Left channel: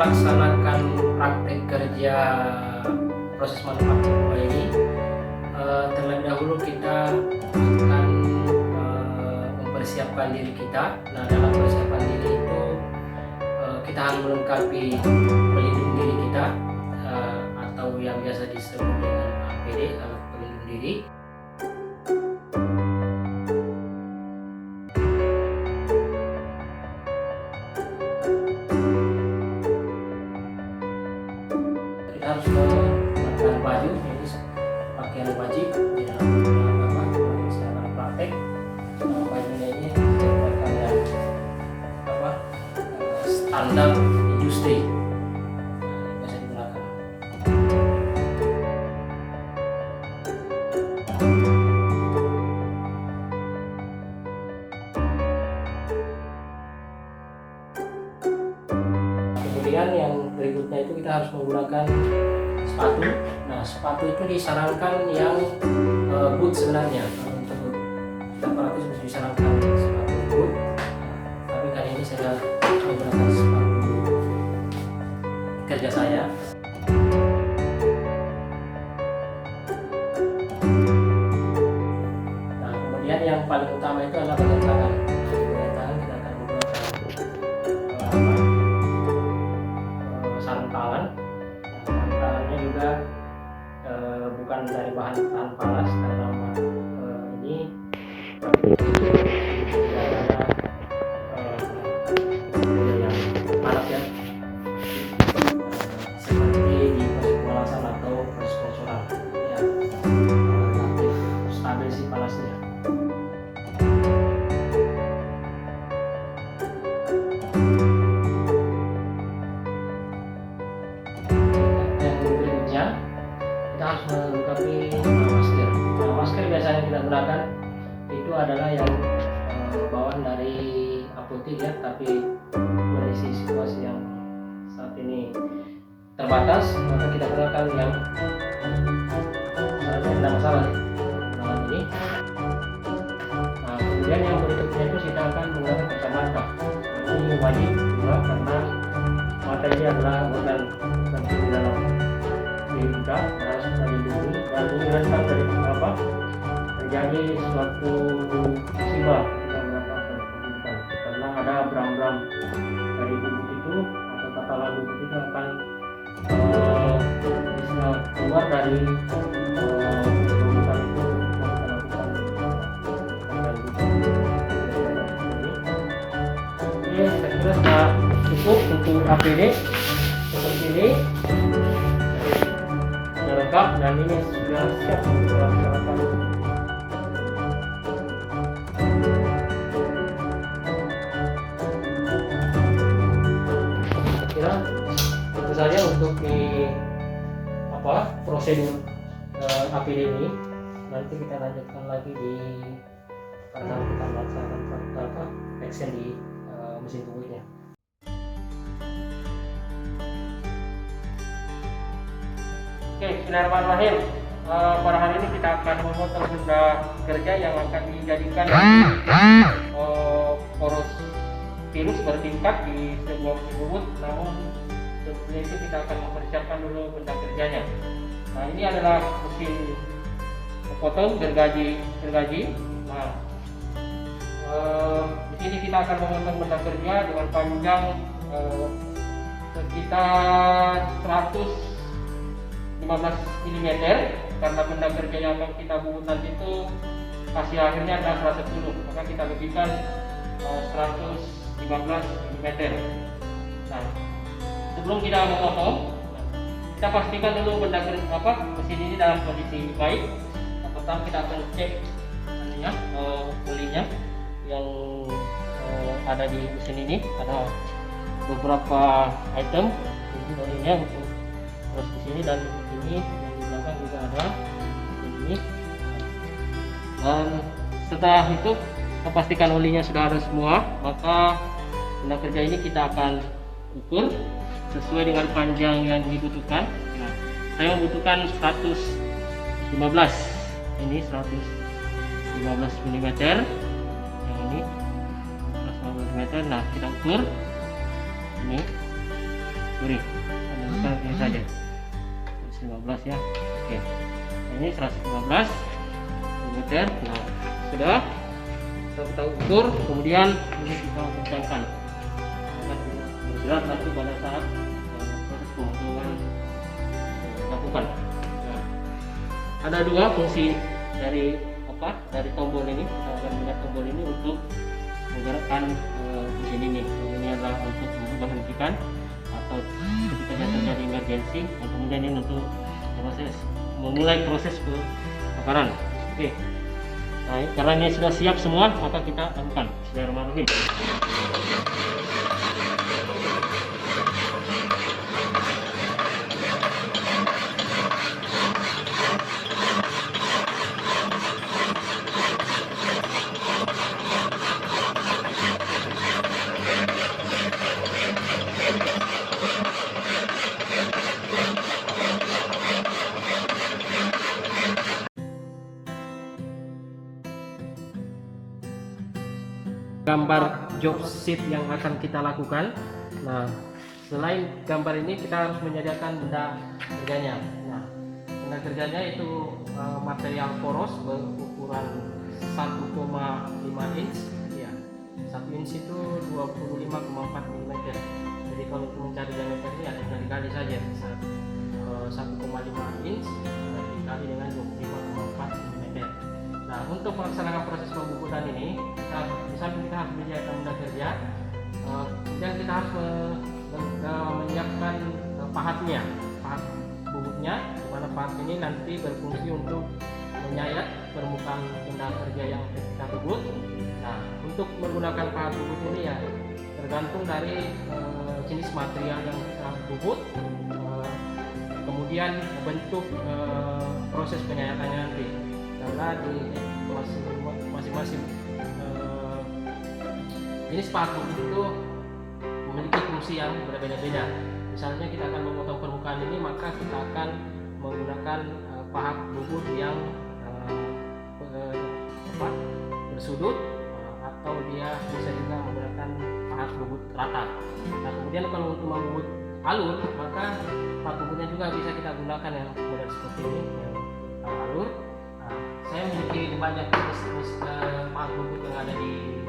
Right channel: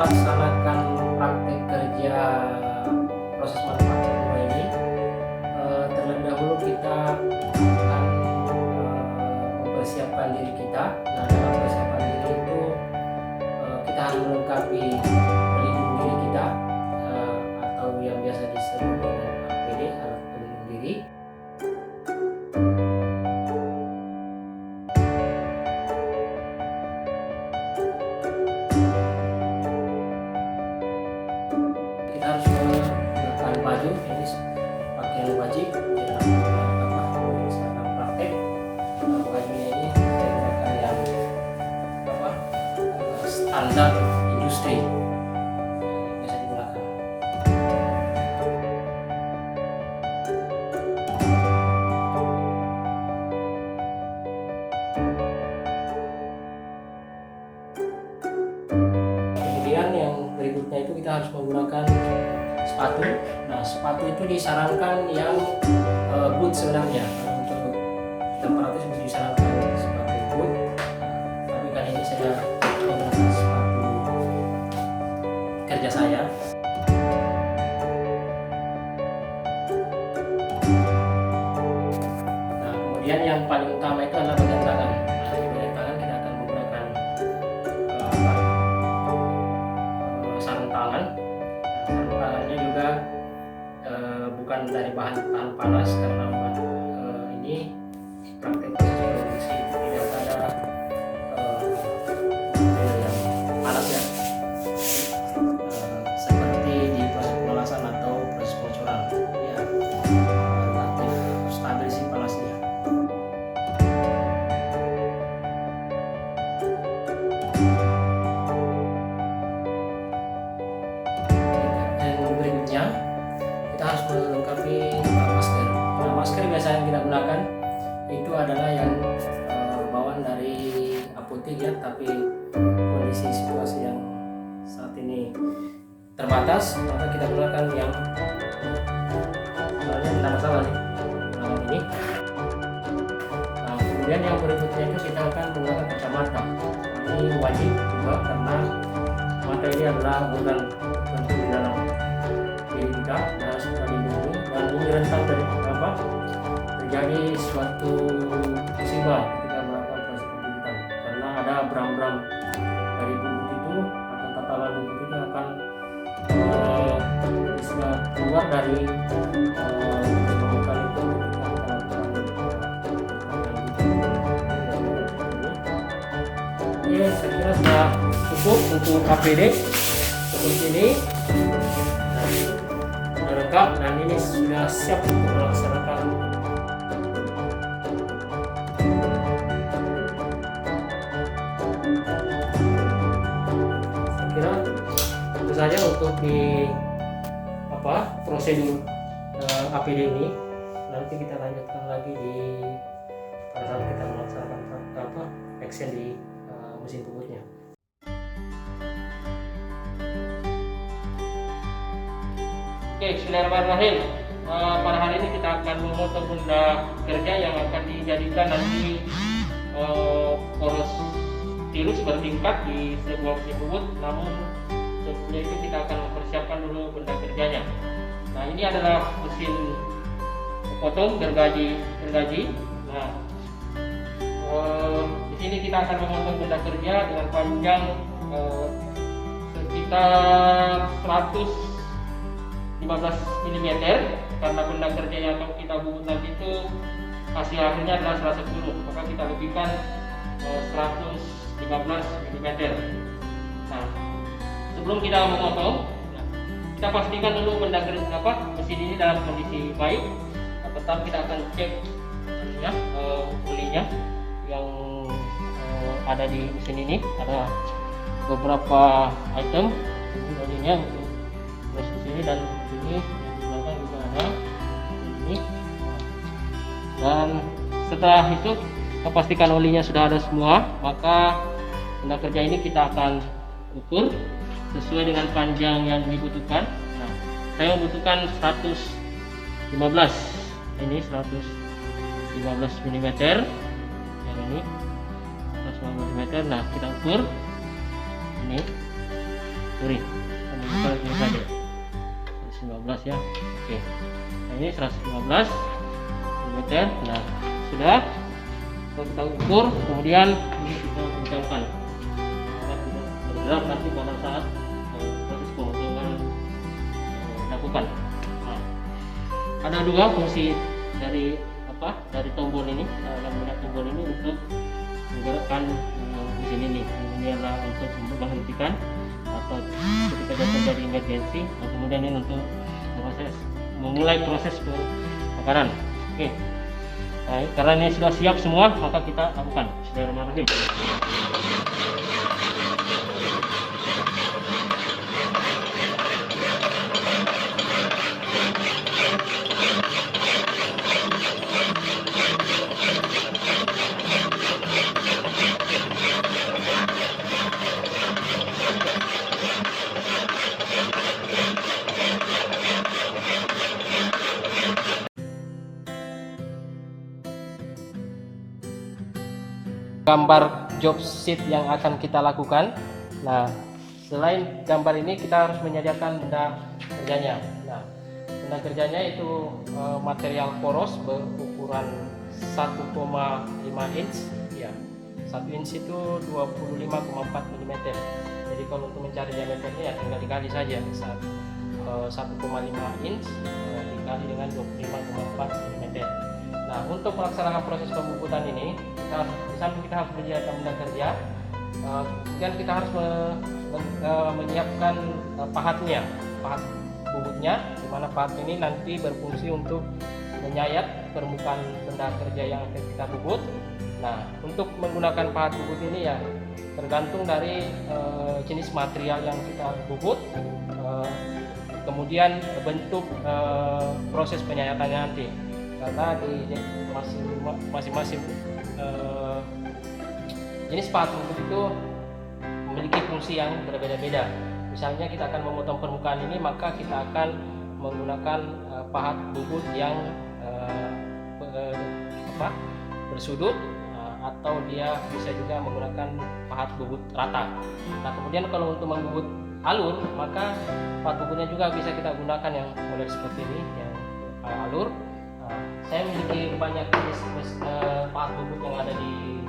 melaksanakan praktek kerja proses manufaktur rumah ini, terlebih dahulu kita akan mempersiapkan diri kita. Nah, dalam persiapan diri itu kita harus melengkapi pelindung diri kita, atau yang biasa disebut dengan APD, alat pelindung diri. Kita harus menggunakan baju, ini pakaian wajib di dalam sekarang praktek. Bajunya ini menggunakan yang standar industri biasa digunakan. Kemudian yang berikutnya itu kita harus menggunakan sepatu. Nah, sepatu itu disarankan yang boot sebenarnya. Kalau untuk kita praktis disarankan sepatu boot. Tapi kali ini saya menggunakan sepatu kerja saya. Nah, kemudian yang paling utama itu adalah bagian tangan. Nah, di bagian tangan kita akan menggunakan sarung tangan. Nah, sarung tangannya juga bukan dari bahan tahan panas, karena ini praktik tidak ada material yang panas ya, seperti di proses pengelasan atau proses pengucuran ya, relatif stabil sih panasnya. Yang berikutnya kita harus melengkapi masker. Nah, masker biasanya kita gunakan itu adalah yang bawaan dari apotek ya, tapi kondisi situasi yang saat ini terbatas, maka kita gunakan yang sebenarnya tidak masalah sih menggunakan ini. Nah, kemudian yang berikutnya itu kita akan menggunakan kacamata. Nah, ini wajib juga karena mata ini adalah organ penting di dalam diri kita, harus kita lindungi, dan ini rentan dari terjadi suatu musibah ketika melakukan proses pembubutan, karena ada bram-bram dari bubuk itu atau tatalan bubuk itu akan bisa keluar dari pembubutan itu ketika kita lakukan ini. Saya kira sudah cukup untuk APD seperti ini. Sudah lengkap dan ini sudah siap untuk melaksanakan. Kira itu saja untuk di prosedur APD ini. Nanti kita lanjutkan lagi pada saat kita melaksanakan action di mesin bubutnya. Oke, bismillahirrahmanirrahim. Pada hari ini kita akan memotong benda kerja yang akan dijadikan poros virus bertingkat di sebuah mesin bubut. Namun sebelumnya itu kita akan mempersiapkan dulu benda kerjanya. Nah, ini adalah mesin potong gergaji. Nah, di sini kita akan memotong benda kerja dengan panjang sekitar 115 mm, karena benda kerja yang akan kita bubut nanti itu hasil akhirnya adalah 110, maka kita lebihkan 115 mm. Nah, sebelum kita memotong, kita pastikan dulu benda kerja mesin ini dalam kondisi baik. Nah, pertama kita akan cek olinya yang ada di mesin ini. Ada beberapa item, ini olinya untuk proses sini, dan ini yang di belakang juga ada ini. Dan setelah itu kita pastikan olinya sudah ada semua, maka benda kerja ini kita akan ukur sesuai dengan panjang yang dibutuhkan. Nah, saya membutuhkan 115, ini 115 mm, yang ini 115 mm. Nah, kita ukur ini sorry, ini saja 115 ya. Oke, nah, ini 115 mm. Nah, sudah kita ukur, kemudian ini kita kencangkan agar tidak bergerak nanti pada saat proses pemotongan dilakukan. Nah, ada dua fungsi dari tombol ini. Kita akan melihat tombol ini untuk menggerakkan mesin ini. Ini adalah untuk menghentikan atau ketika terjadi emergensi, dan kemudian ini untuk memulai proses pembakaran. Oke. Nah, karena ini sudah siap semua, maka kita lakukan. Bismillahirrahmanirrahim. Gambar job sheet yang akan kita lakukan. Nah, selain gambar ini kita harus menyediakan benda kerjanya. Nah, benda kerjanya itu material poros berukuran 1,5 inch ya. 1 inch itu 25,4 mm. Jadi kalau untuk mencari diameternya ya tinggal dikali saja, misal 1,5 inch dikali dengan 25,4 mm. Nah, untuk melaksanakan proses pembubutan ini, misalnya kita harus menyediakan benda kerja, dan kita harus menyiapkan pahatnya, pahat bubutnya, di mana pahat ini nanti berfungsi untuk menyayat permukaan benda kerja yang akan kita bubut. Nah, untuk menggunakan pahat bubut ini ya tergantung dari jenis material yang kita bubut, kemudian bentuk proses penyayatannya nanti. Karena di masing-masing jenis pahat bubut itu memiliki fungsi yang berbeda-beda. Misalnya kita akan memotong permukaan ini, maka kita akan menggunakan pahat bubut yang bersudut, atau dia bisa juga menggunakan pahat bubut rata. Nah, kemudian kalau untuk membubut alur, maka pahat bubutnya juga bisa kita gunakan yang model seperti ini, yang alur. Saya memiliki banyak jenis pahat bubut yang ada di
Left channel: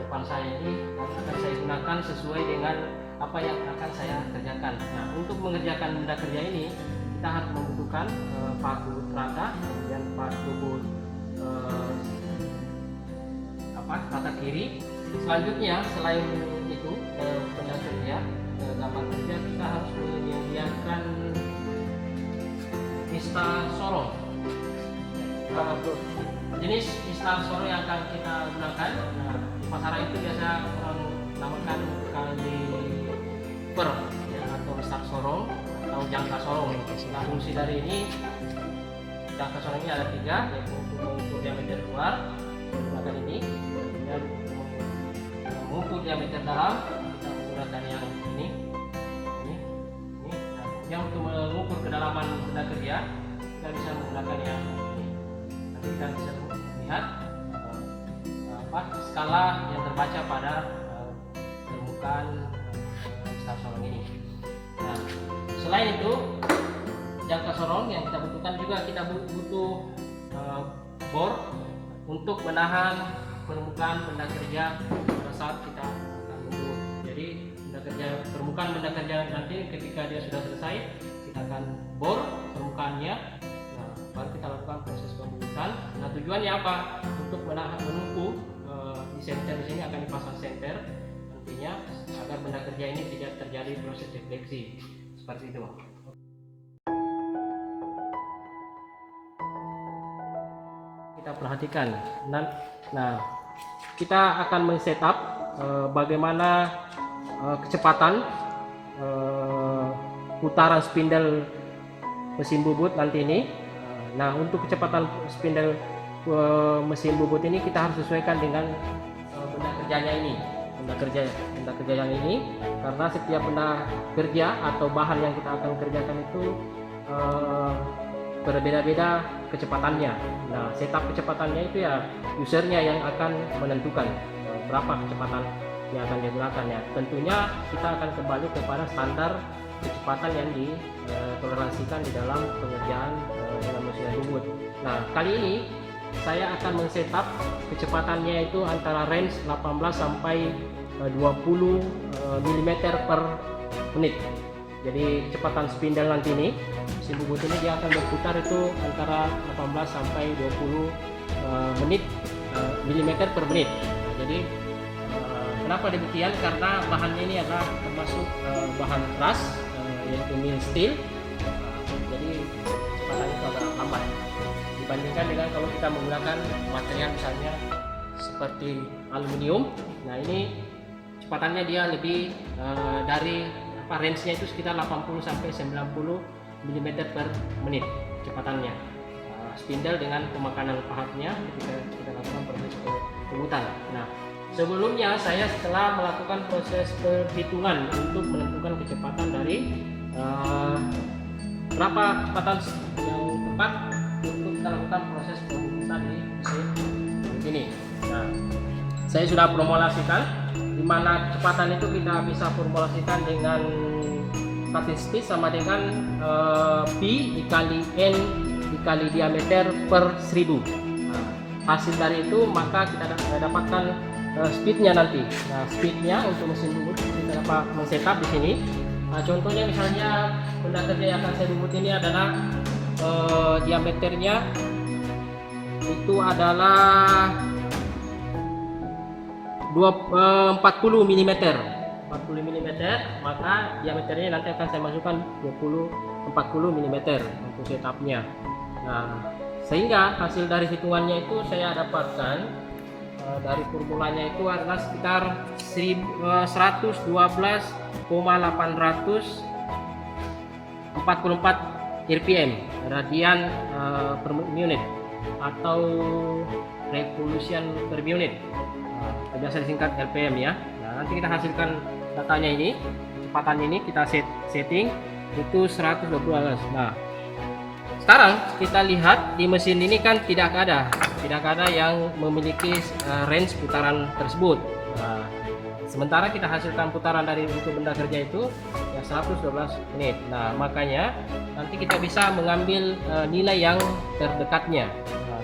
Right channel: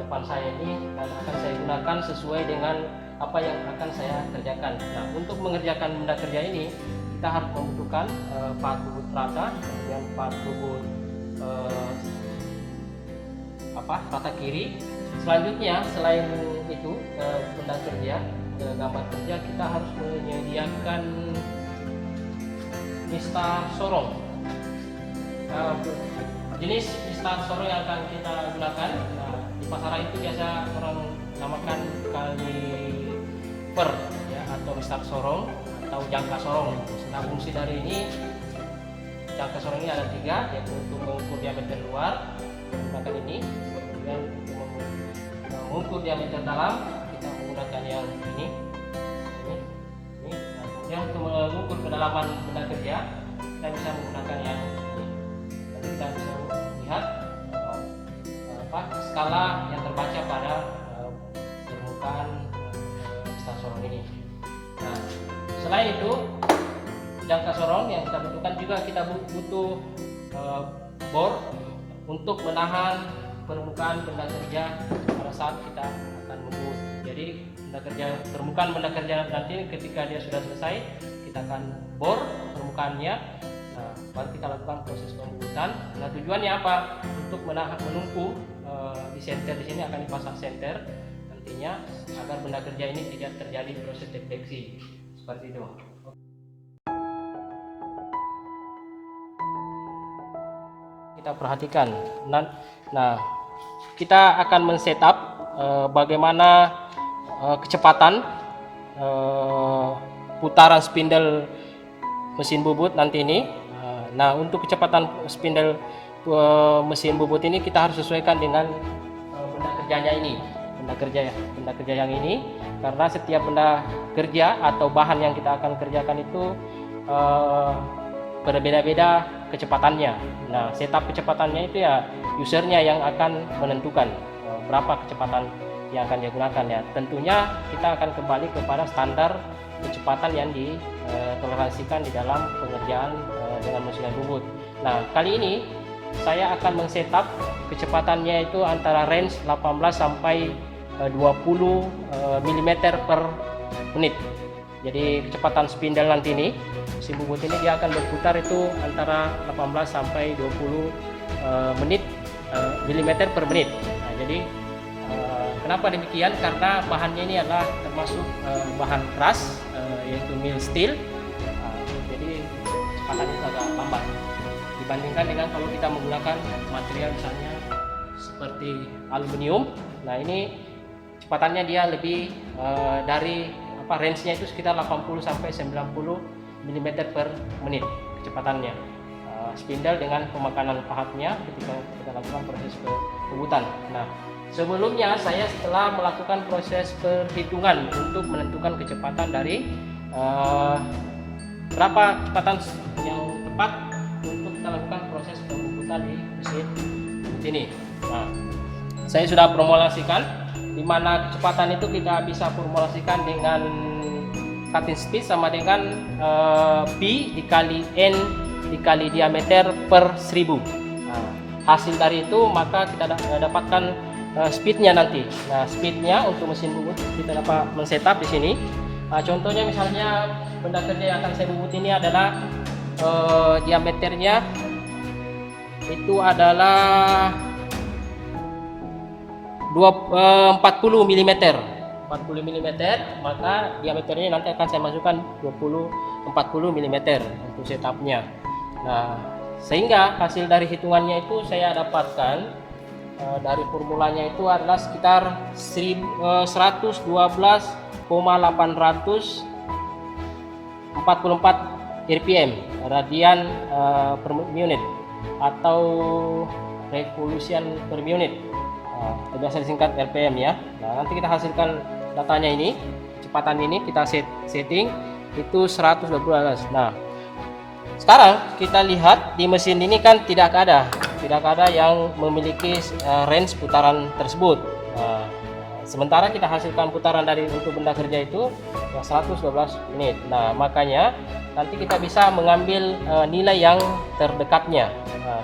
depan saya ini, dan akan saya gunakan sesuai dengan apa yang akan saya kerjakan. Nah, untuk mengerjakan benda kerja ini kita harus membutuhkan pahat bubut rata, dan pahat bubut rata kiri. Selanjutnya, selain itu benda kerja, gambar kerja, kita harus menyediakan mista sorong. Jenis mista sorong yang akan kita gunakan, nah, di pasaran itu biasa orang namakan kaliper ya, atau mista sorong atau jangka sorong. Nah, fungsi dari ini, jangka sorong ini ada 3, yaitu untuk mengukur diameter luar menggunakan ini, dan mengukur diameter dalam kita menggunakan yang ini. Nah, untuk mengukur kedalaman benda kerja kita bisa menggunakan yang kita bisa lihat skala yang terbaca pada permukaan mista sorong ini. Nah, selain itu, jangka sorong yang kita butuhkan juga, kita butuh bor untuk menahan permukaan benda kerja pada saat kita akan bubut. Jadi permukaan benda kerja nanti ketika dia sudah selesai, kita akan bor permukaannya. Nah, baru kita lakukan proses pembubutan. Nah, tujuannya apa? Untuk menumpu di senter di sini akan dipasang senter nantinya, agar benda kerja ini tidak terjadi proses defleksi seperti itu. Kita perhatikan. Nah, kita akan men-setup bagaimana kecepatan putaran spindle mesin bubut nanti ini. Nah, untuk kecepatan spindle mesin bubut ini kita harus sesuaikan dengan benda kerjanya ini, benda kerja yang ini, karena setiap benda kerja atau bahan yang kita akan kerjakan itu berbeda-beda kecepatannya. Nah, setup kecepatannya itu ya usernya yang akan menentukan berapa kecepatan yang akan digunakan ya. Tentunya kita akan kembali kepada standar kecepatan yang ditoleransikan di dalam pengerjaan dengan mesin bubut. Nah, kali ini saya akan men-setup kecepatannya itu antara range 18 sampai 20 mm per menit. Jadi kecepatan spindle nanti ini, mesin bubut ini dia akan berputar itu antara 18 sampai 20 mm per menit. Nah, jadi kenapa demikian? Karena bahannya ini adalah termasuk bahan keras, yaitu mild steel. Jadi kecepatannya agak lambat dibandingkan dengan kalau kita menggunakan material misalnya seperti aluminium. Nah, ini kecepatannya dia lebih dari range-nya itu sekitar 80 sampai 90 mm per menit kecepatannya. Spindle dengan pemakanan pahatnya ketika kita lakukan proses pembuatan. Nah, sebelumnya saya setelah melakukan proses perhitungan untuk menentukan kecepatan dari berapa kecepatan yang tepat untuk kita lakukan proses pembuatan di mesin bubut ini. Nah, saya sudah formulasikan di mana kecepatan itu kita bisa formulasikan dengan cutting speed sama dengan B dikali N dikali diameter per 1000. Nah, hasil dari itu maka kita dapatkan speednya nanti. Nah, speednya untuk mesin bubut kita dapat men-setup di sini. Nah, contohnya misalnya benda kerja yang akan saya bubut ini adalah diameternya itu adalah 40 mm, maka diameternya nanti akan saya masukkan 40 mm untuk setupnya. Nah, sehingga hasil dari hitungannya itu saya dapatkan dari formulanya itu adalah sekitar 112,844 rpm, radian per unit atau revolution per unit. Biasa disingkat RPM ya. Nah, nanti kita hasilkan datanya ini, kecepatan ini kita setting itu 120. Nah, sekarang kita lihat di mesin ini kan tidak ada yang memiliki range putaran tersebut. Nah, sementara kita hasilkan putaran dari untuk benda kerja itu ya 112 menit. Nah, makanya nanti kita bisa mengambil nilai yang terdekatnya.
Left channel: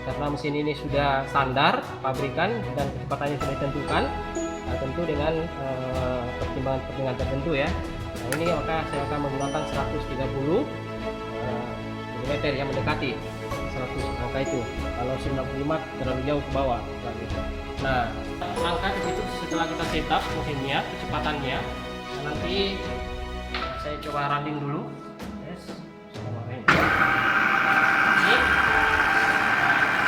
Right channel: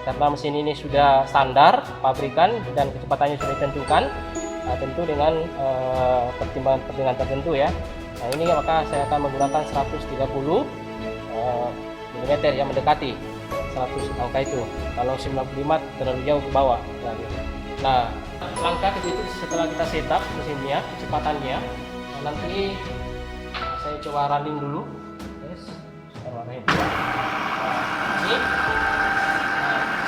Karena mesin ini sudah standar pabrikan dan kecepatannya sudah ditentukan, tentu dengan pertimbangan tertentu ya. Nah, ini maka saya akan menggunakan 130 mm yang mendekati 100 angka itu. Kalau 95 terlalu jauh ke bawah. Nah, langkah ke situ setelah kita setup mesinnya, kecepatannya. Nah, nanti saya coba running dulu. Yes, ini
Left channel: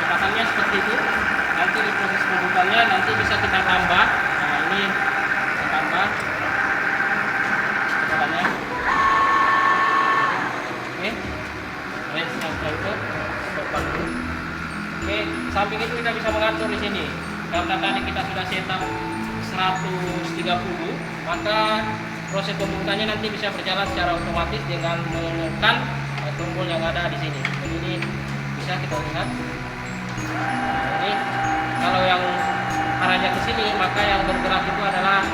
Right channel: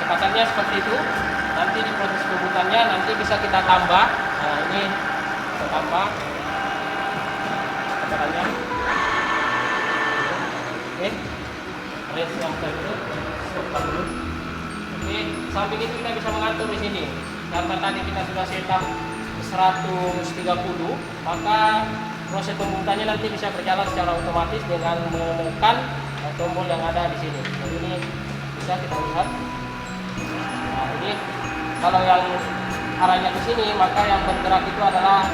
kecepatannya seperti itu. Nanti di proses pembuatannya nanti bisa kita tambah. Nah, ini saya tambah kecepatannya. Oke, range yang itu stopkan dulu. Oke, samping itu kita bisa mengatur di sini. Karena tadi kita sudah setup 130, maka proses pembuatannya nanti bisa berjalan secara otomatis dengan menekan tombol yang ada di sini. Jadi ini bisa kita lihat. Jadi kalau yang arahnya ke sini, maka yang bergerak itu adalah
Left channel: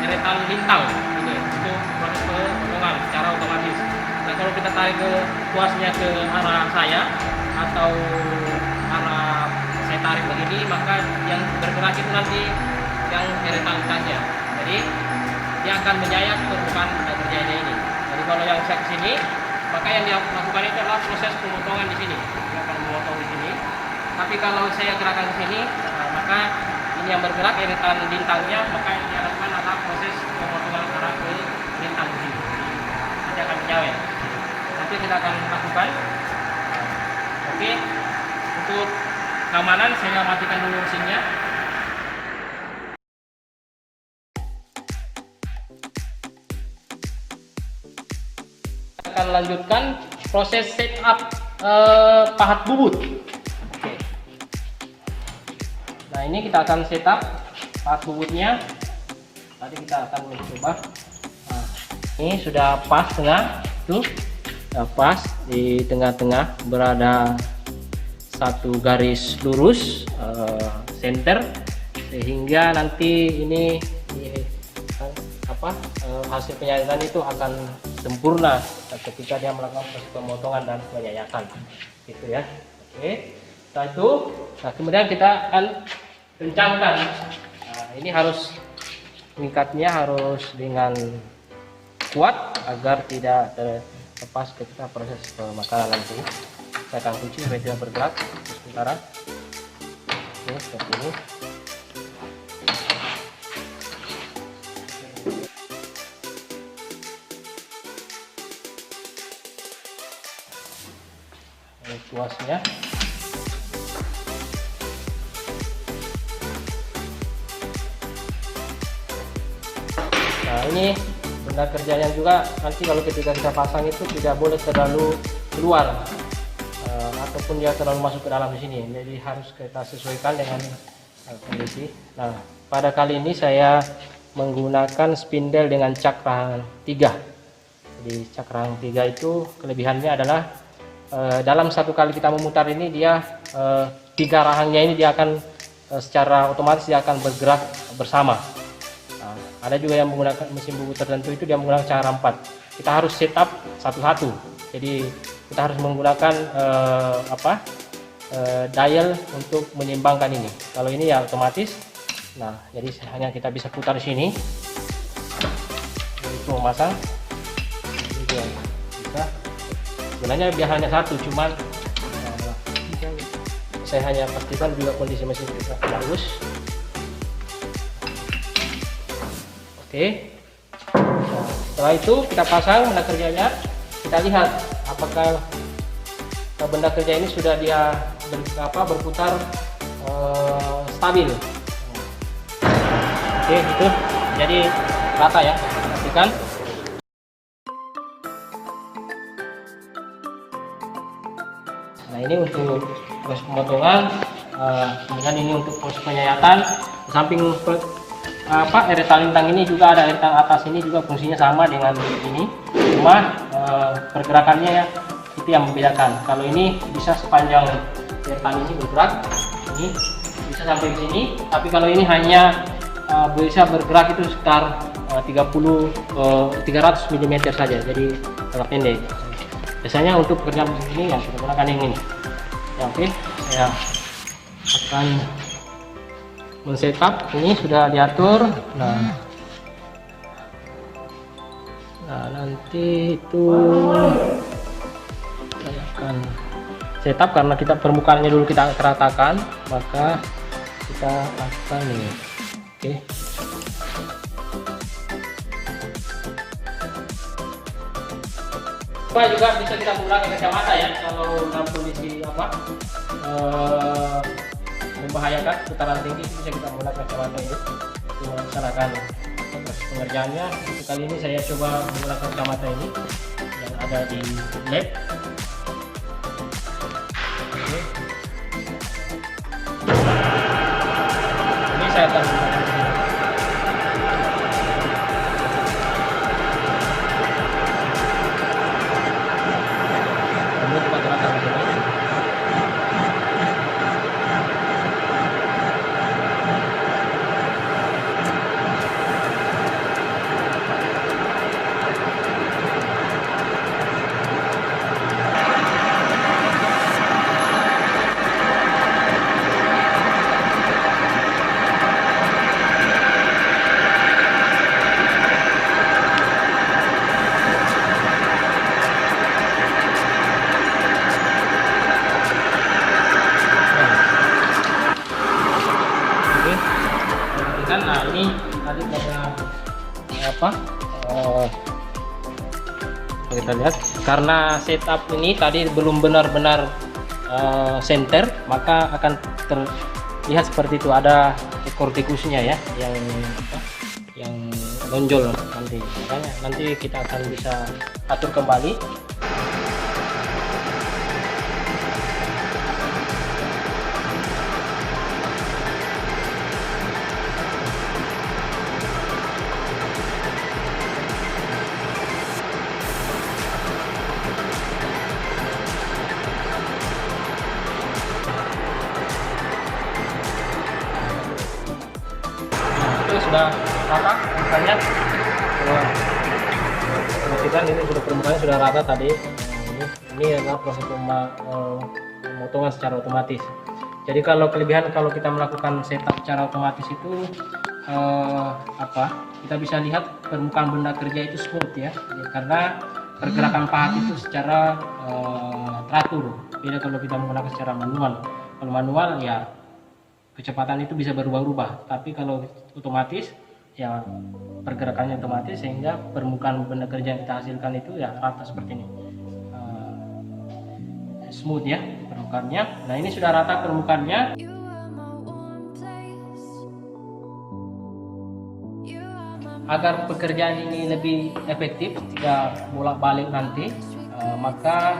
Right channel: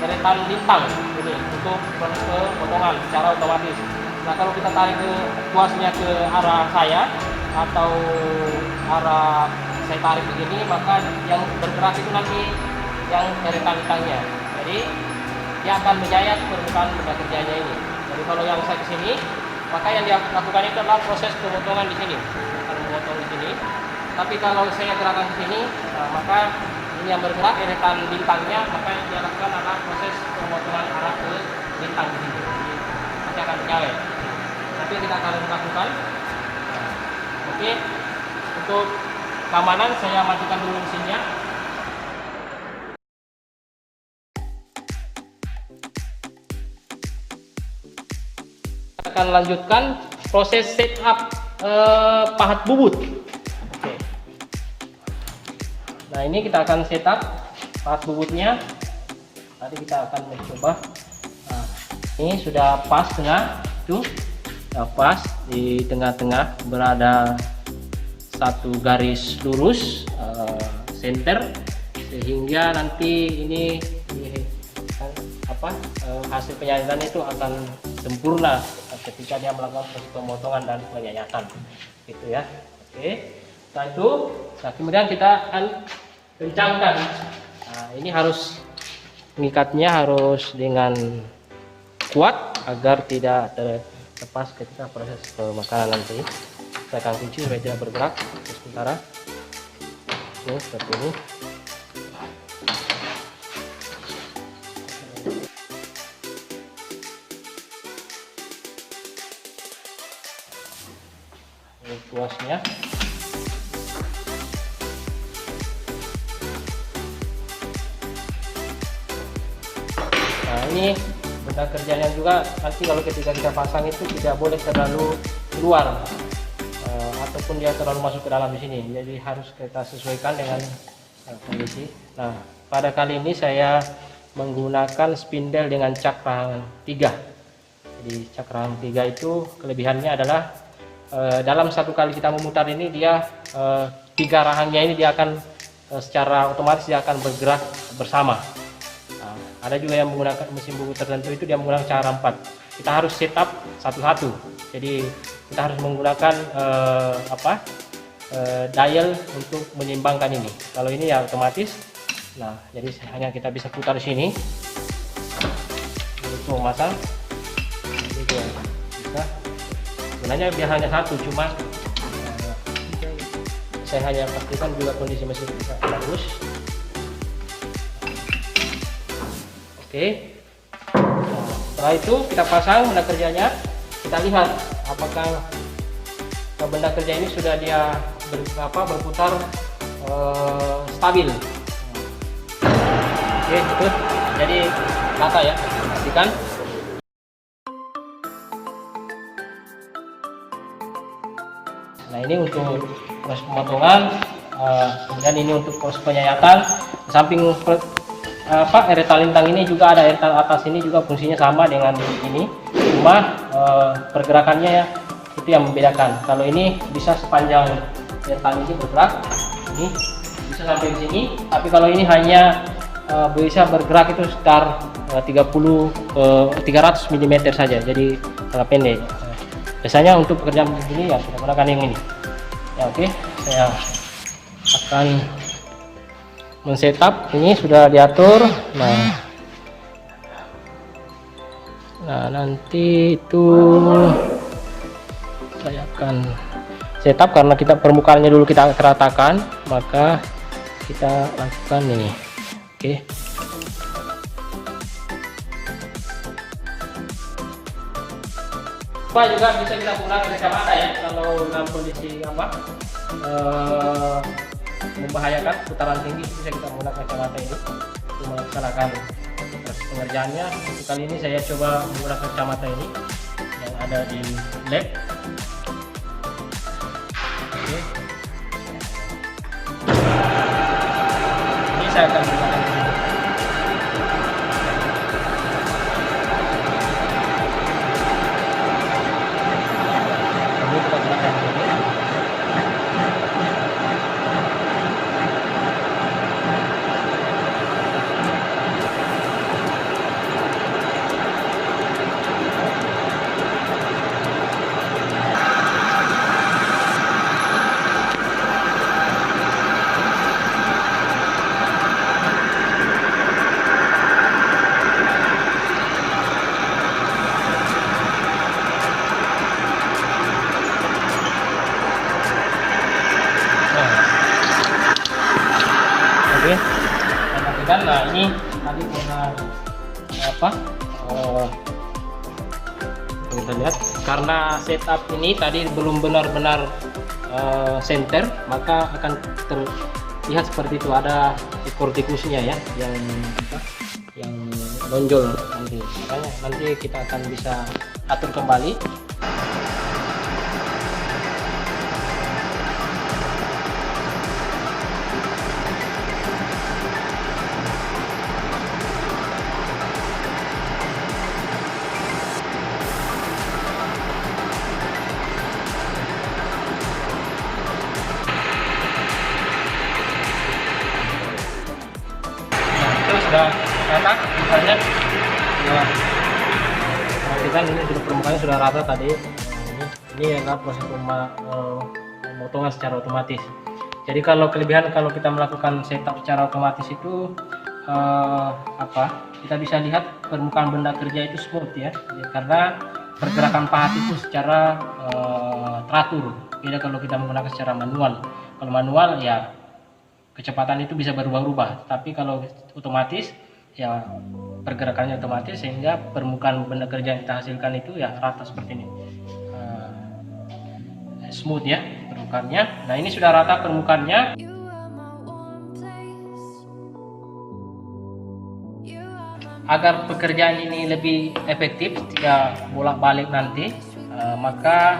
deretan lintang ini untuk proses pemotongan secara otomatis. Nah, kalau kita tarik ke kuasnya ke arah saya atau arah saya tarik begini, maka yang bergerak itu nanti yang deretan lintangnya. Jadi dia akan menyayat permukaan benda kerjanya ini. Jadi kalau yang saya ke sini, maka yang dilakukan itu adalah proses pemotongan di sini. Dia akan memotong di sini. Tapi kalau saya gerakan ke sini, nah, maka ini yang bergerak deretan lintangnya, maka yang dilakukan adalah proses pemotongan arah ke lintang di sini. Jadi nanti akan menyayat. Nanti kita akan lakukan. Oke, untuk keamanan saya matikan dulu mesinnya. Akan lanjutkan proses setup pahat bubut. Oke. Nah, ini kita akan setup pahat bubutnya. Tadi kita akan mencoba. Nah, ini sudah pas tengah, tuh, sudah pas di tengah-tengah berada satu garis lurus center sehingga nanti ini hasil penyayatan itu akan sempurna ketika dia melakukan proses pemotongan dan penyayatan gitu ya. Oke, setelah itu kemudian kita akan kencangkan. Nah, ini harus mengikatnya harus dengan kuat agar tidak terlepas ketika proses pemakaran nanti. Kita akan kunci supaya tidak bergerak sementara. Seperti ini. Ini puasnya. Nah, ini benda kerjanya juga nanti kalau ketika kita pasang itu tidak boleh terlalu keluar ataupun dia terlalu masuk ke dalam di sini. Jadi harus kita sesuaikan dengan kondisi. Nah, pada kali ini saya menggunakan spindle dengan cakram 3. Jadi cakram 3 itu kelebihannya adalah dalam satu kali kita memutar ini dia 3 rahangnya ini dia akan secara otomatis dia akan bergerak bersama. Nah, ada juga yang menggunakan mesin buku tertentu itu dia menggunakan cara 4. Kita harus setup satu-satu. Jadi kita harus menggunakan dial untuk menyimbangkan ini. Kalau ini ya otomatis. Nah, jadi hanya kita bisa putar di sini. Itu memasang. Ini dia bisa. Sebenarnya biasanya satu, cuman saya hanya pastikan juga kondisi mesin kita lurus. Oke. Nah, setelah itu kita pasang benda kerjanya. Kita lihat apakah benda kerja ini sudah dia berputar stabil. Oke, itu jadi rata ya, pastikan. Nah, ini untuk proses pemotongan, kemudian ini untuk proses penyayatan. Di samping eretan lintang ini juga ada eretan atas ini juga fungsinya sama dengan ini, cuma pergerakannya ya itu yang membedakan. Kalau ini bisa sepanjang eretan ini bergerak, ini bisa sampai di sini, tapi kalau ini hanya bisa bergerak itu sekitar 300 mm saja, jadi sangat pendek. Biasanya untuk pekerjaan ini yang kita gunakan yang ini. Ya, oke, saya akan men-setup ini sudah diatur. Nah, nanti itu saya akan setup karena kita permukaannya dulu kita akan keratakan, maka kita lakukan ini. Oke. Juga bisa kita menggunakan kacamata ya kalau dalam kondisi membahayakan putaran tinggi, bisa kita menggunakan kacamata ini untuk melaksanakan proses pengerjaannya. Untuk kali ini saya coba menggunakan kacamata ini yang ada di lab. Oke. Ini saya akan menggunakan ini. Kita gerakan ini. Nah, ini tadi karena kita lihat karena setup ini tadi belum benar-benar center, maka akan terlihat seperti itu, ada ekor tikusnya ya yang lonjol nanti. Makanya nanti kita akan bisa atur kembali. sudah rata misalnya. Wah, perhatikan ini sudah permukaannya sudah rata tadi. Ini adalah proses pemotongan secara otomatis. Jadi kalau kelebihan kalau kita melakukan setup secara otomatis itu kita bisa lihat permukaan benda kerja itu smooth ya, karena pergerakan pahat itu secara teratur. Beda kalau kita menggunakan secara manual. Kalau manual ya kecepatan itu bisa berubah-ubah, tapi kalau otomatis ya pergerakannya otomatis sehingga permukaan benda kerja yang kita hasilkan itu ya rata seperti ini, smooth ya permukaannya. Nah ini sudah rata permukaannya. Agar pekerjaan ini lebih efektif, tidak bolak-balik nanti, maka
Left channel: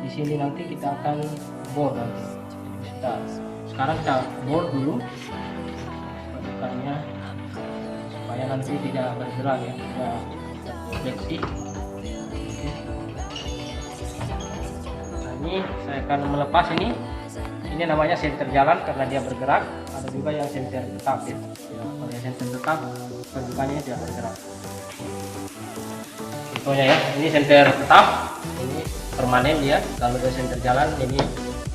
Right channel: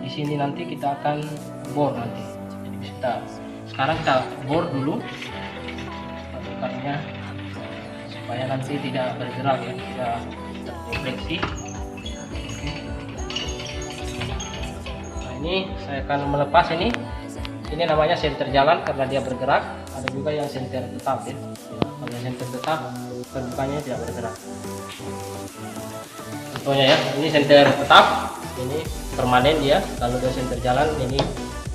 di sini nanti kita akan bor nanti. Jadi sekarang kita bor dulu permukaannya supaya nanti tidak bergerak ya, tidak terdeteksi. Nah ini saya akan melepas ini namanya senter jalan karena dia bergerak. Ada juga yang senter tetap ya. Kalau yang senter tetap permukaannya tidak bergerak. Contohnya ya, ini senter tetap, ini permanen dia. Kalau dia senter jalan, ini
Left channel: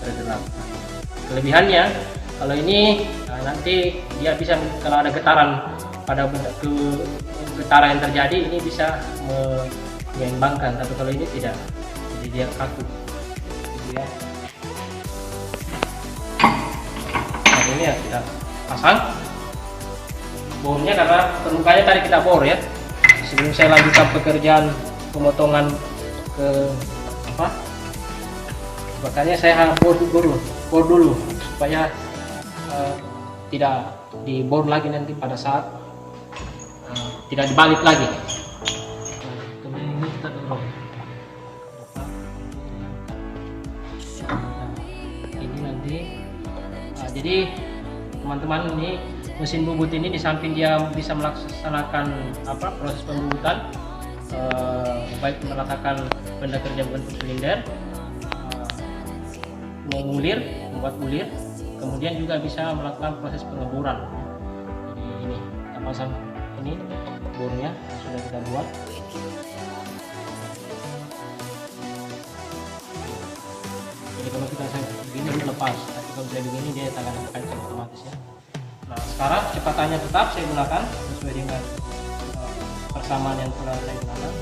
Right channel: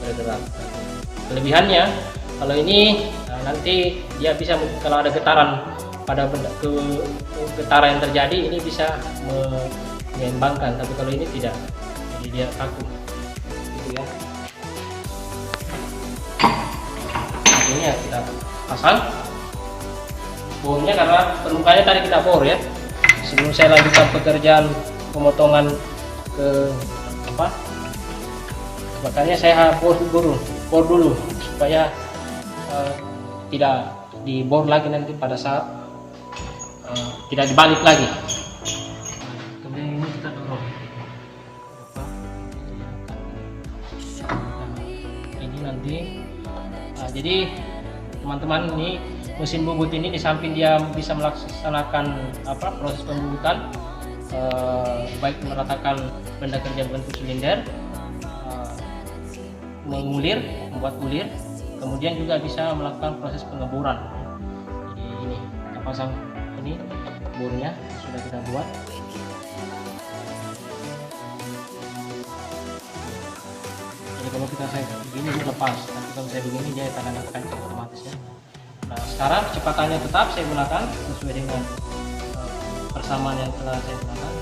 bergerak. Kelebihannya, kalau ini nanti dia bisa, kalau ada getaran pada getaran yang terjadi, ini bisa menyeimbangkan. Tapi kalau ini tidak, jadi dia kaku. Gitu ya. Ini ya kita pasang bornya karena permukaannya tadi kita bor ya. Sebelum saya lanjutkan pekerjaan pemotongan ke makanya saya bor dulu supaya tidak dibor lagi nanti pada saat tidak dibalik lagi. Kemudian ini kita dorong. Ini nanti jadi teman-teman, ini mesin bubut ini di samping dia bisa melaksanakan proses pembubutan, baik meratakan benda kerja bentuk silinder, mengulir, membuat ulir, kemudian juga bisa melakukan proses pengeboran. Jadi ini kita pasang ini bornya yang sudah kita buat. Jadi kalau kita begini lepas, tapi kalau saya begini dia akan kencang otomatis ya. Nah sekarang kecepatannya tetap saya gunakan sesuai dengan persamaan yang telah saya gunakan.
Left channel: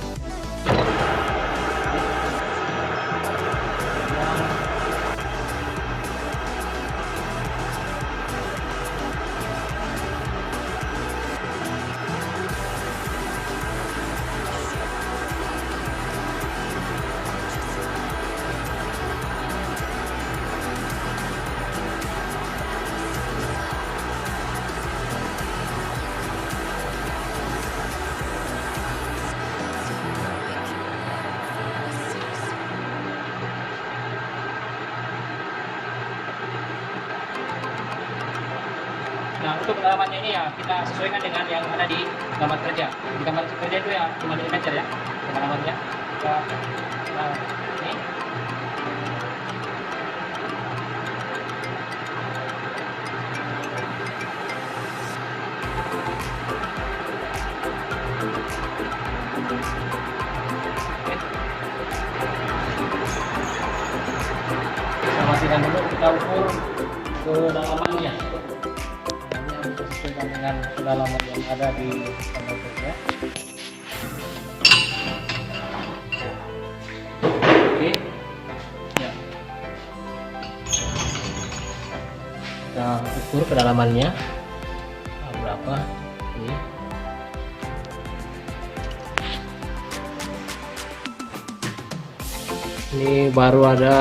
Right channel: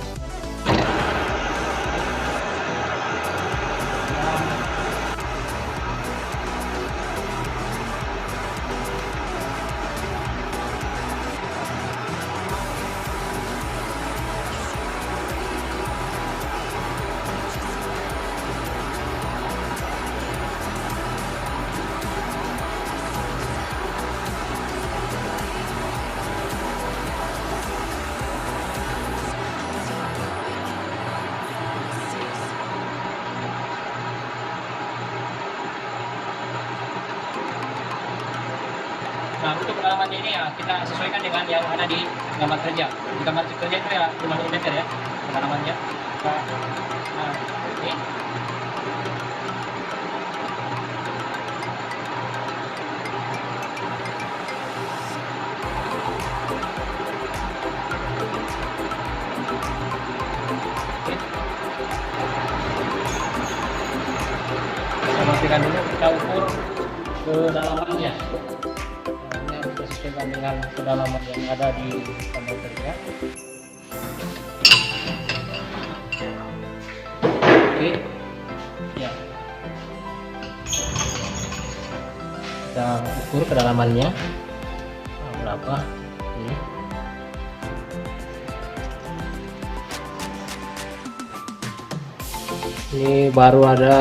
Nah untuk kedalamannya ini ya kita sesuaikan dengan yang ada di kamar kerja. Di kamar kerja itu ya 5 mm ya kedalamannya. Ini. Kita matikan dulu, kita ukur kedalamannya. Sesuaikan dengan kedalaman yang ada di kamar kerja. Oke, ya. Kita ukur kedalamannya berapa ini. Ini baru ada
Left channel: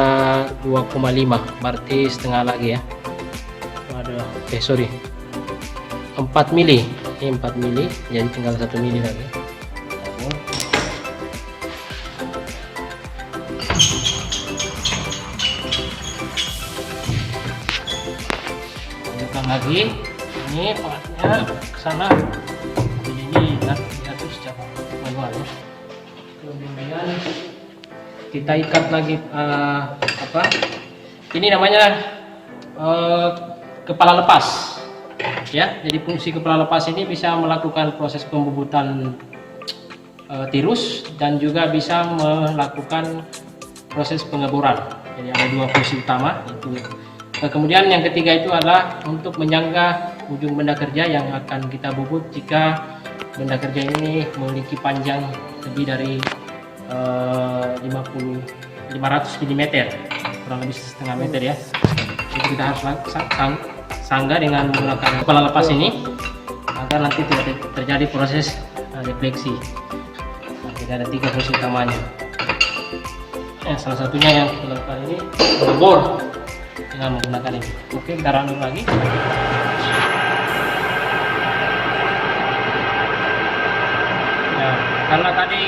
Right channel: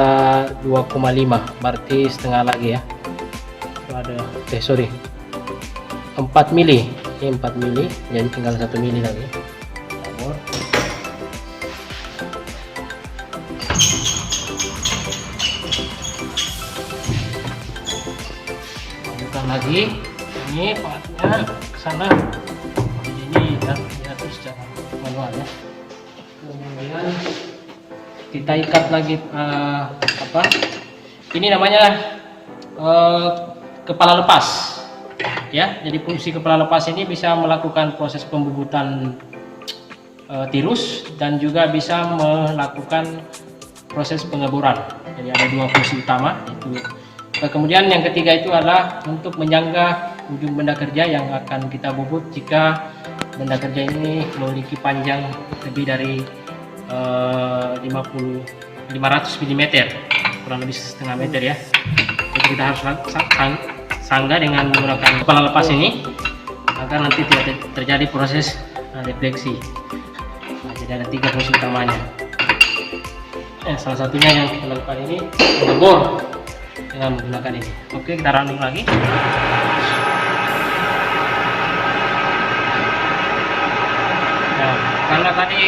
2,5, berarti setengah lagi ya. Ada 4 mili, ini 4 mili, jadi tinggal 1 mili lagi. Lanjutkan lagi, ini partnya sana, jadi ini diatur secara manual ya. Kemudian kita ikat lagi ini namanya kepala lepas ya. Jadi fungsi kepala lepas ini bisa melakukan proses pembubutan tirus dan juga bisa melakukan proses pengeboran. Jadi ada dua fungsi utama itu. Kemudian yang ketiga itu adalah untuk menyangga ujung benda kerja yang akan kita bubut jika benda kerja ini memiliki panjang lebih dari 500 mm, kurang lebih setengah meter ya. Jadi kita harus sangga dengan menggunakan kepala lepas ini agar nanti tidak terjadi proses defleksi. Nah, jadi ada tiga fungsi utamanya. Salah satunya yang kita lakukan ini mengebor dengan menggunakan ini. Oke, kita running lagi. Nah, karena tadi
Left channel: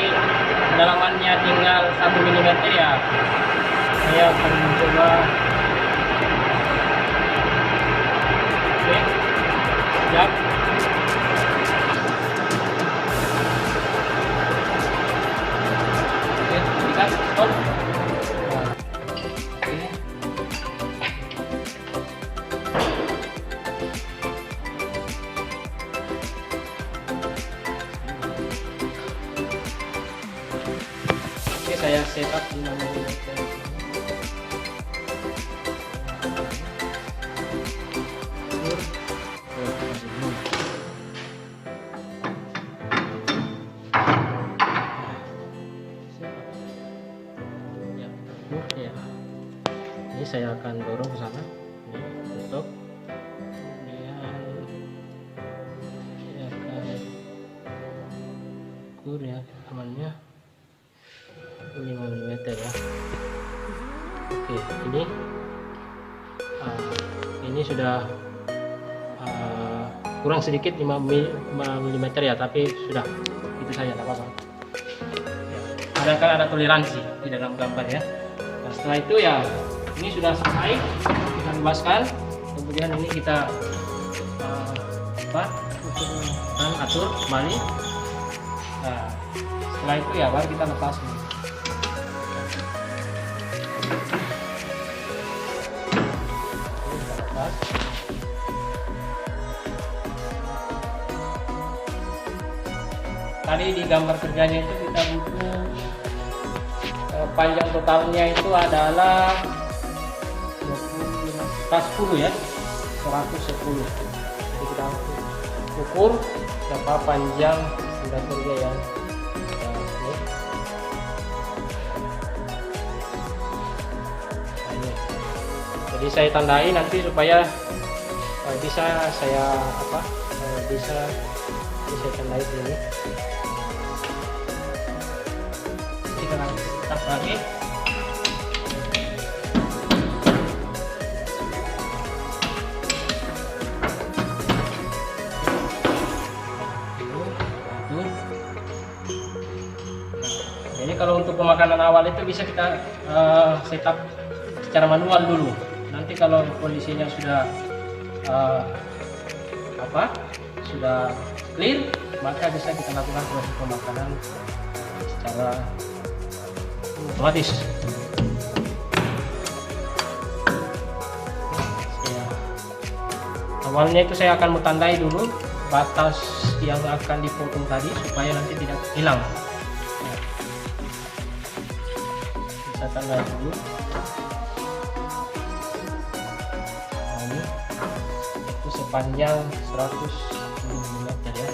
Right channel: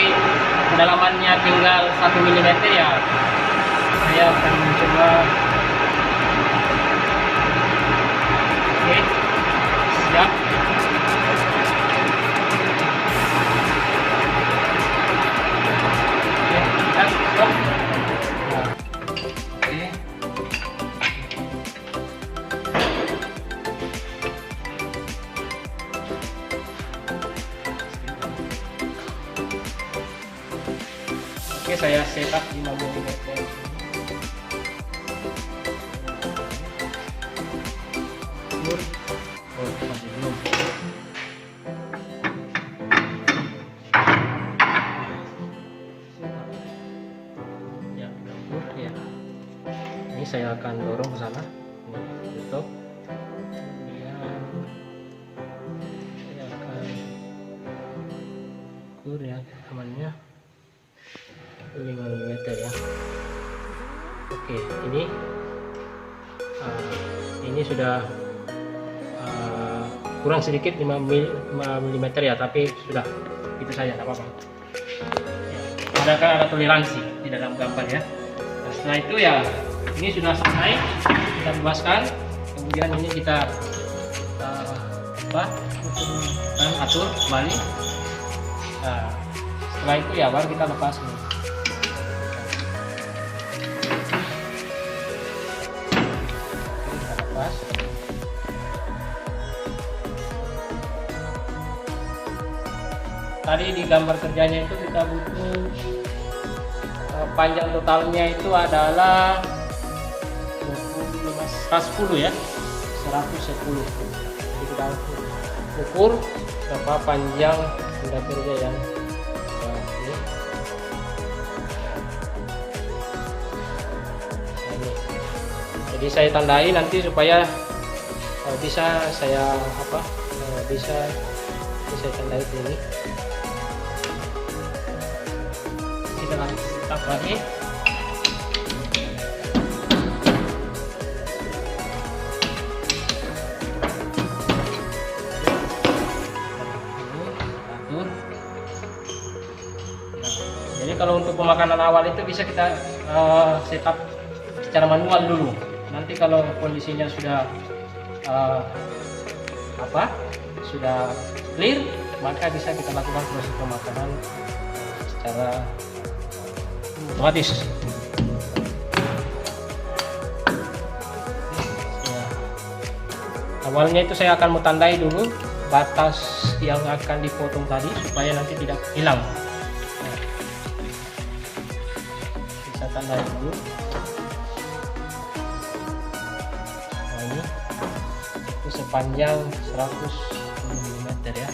kedalamannya tinggal 1 mm ya, saya akan mencoba. Oke, siap. Oke, kita stop. Nah, oke. Oke, saya setup 5 mm di sini. Oh, masih belum. Ya, ya. Ini saya akan dorong ke sana. Ini tutup. Kemudian saya akan ukur ya amannya 5 mm ya. Oke, ini sudah kurang sedikit 5 mm ya, tapi sudah itu saja, tidak apa-apa ya. Kan ada toleransi di dalam gambar ya. Nah, setelah itu ya ini sudah selesai, kita luaskan. Kemudian ini kita atur kembali. Nah, setelah itu ya baru kita lepas ini. Kita lepas. Tadi di gambar kerjanya itu kita butuh panjang totalnya itu adalah 110 ya, 110. Jadi kita ukur berapa panjang benda kerja yang ini. Nah, ini. Jadi saya tandai nanti supaya bisa saya bisa saya tandai ini. Kita tap lagi. Jadi kalau untuk pemakanan awal itu bisa kita setup secara manual dulu. Nanti kalau kondisinya sudah sudah clear, maka bisa kita lakukan proses pemakanan secara otomatis. Ya. Awalnya itu saya akan mentandai dulu batas yang akan dipotong tadi supaya nanti tidak hilang. Nah, kita tandai dulu. Nah, ini itu sepanjang 110 mm ya.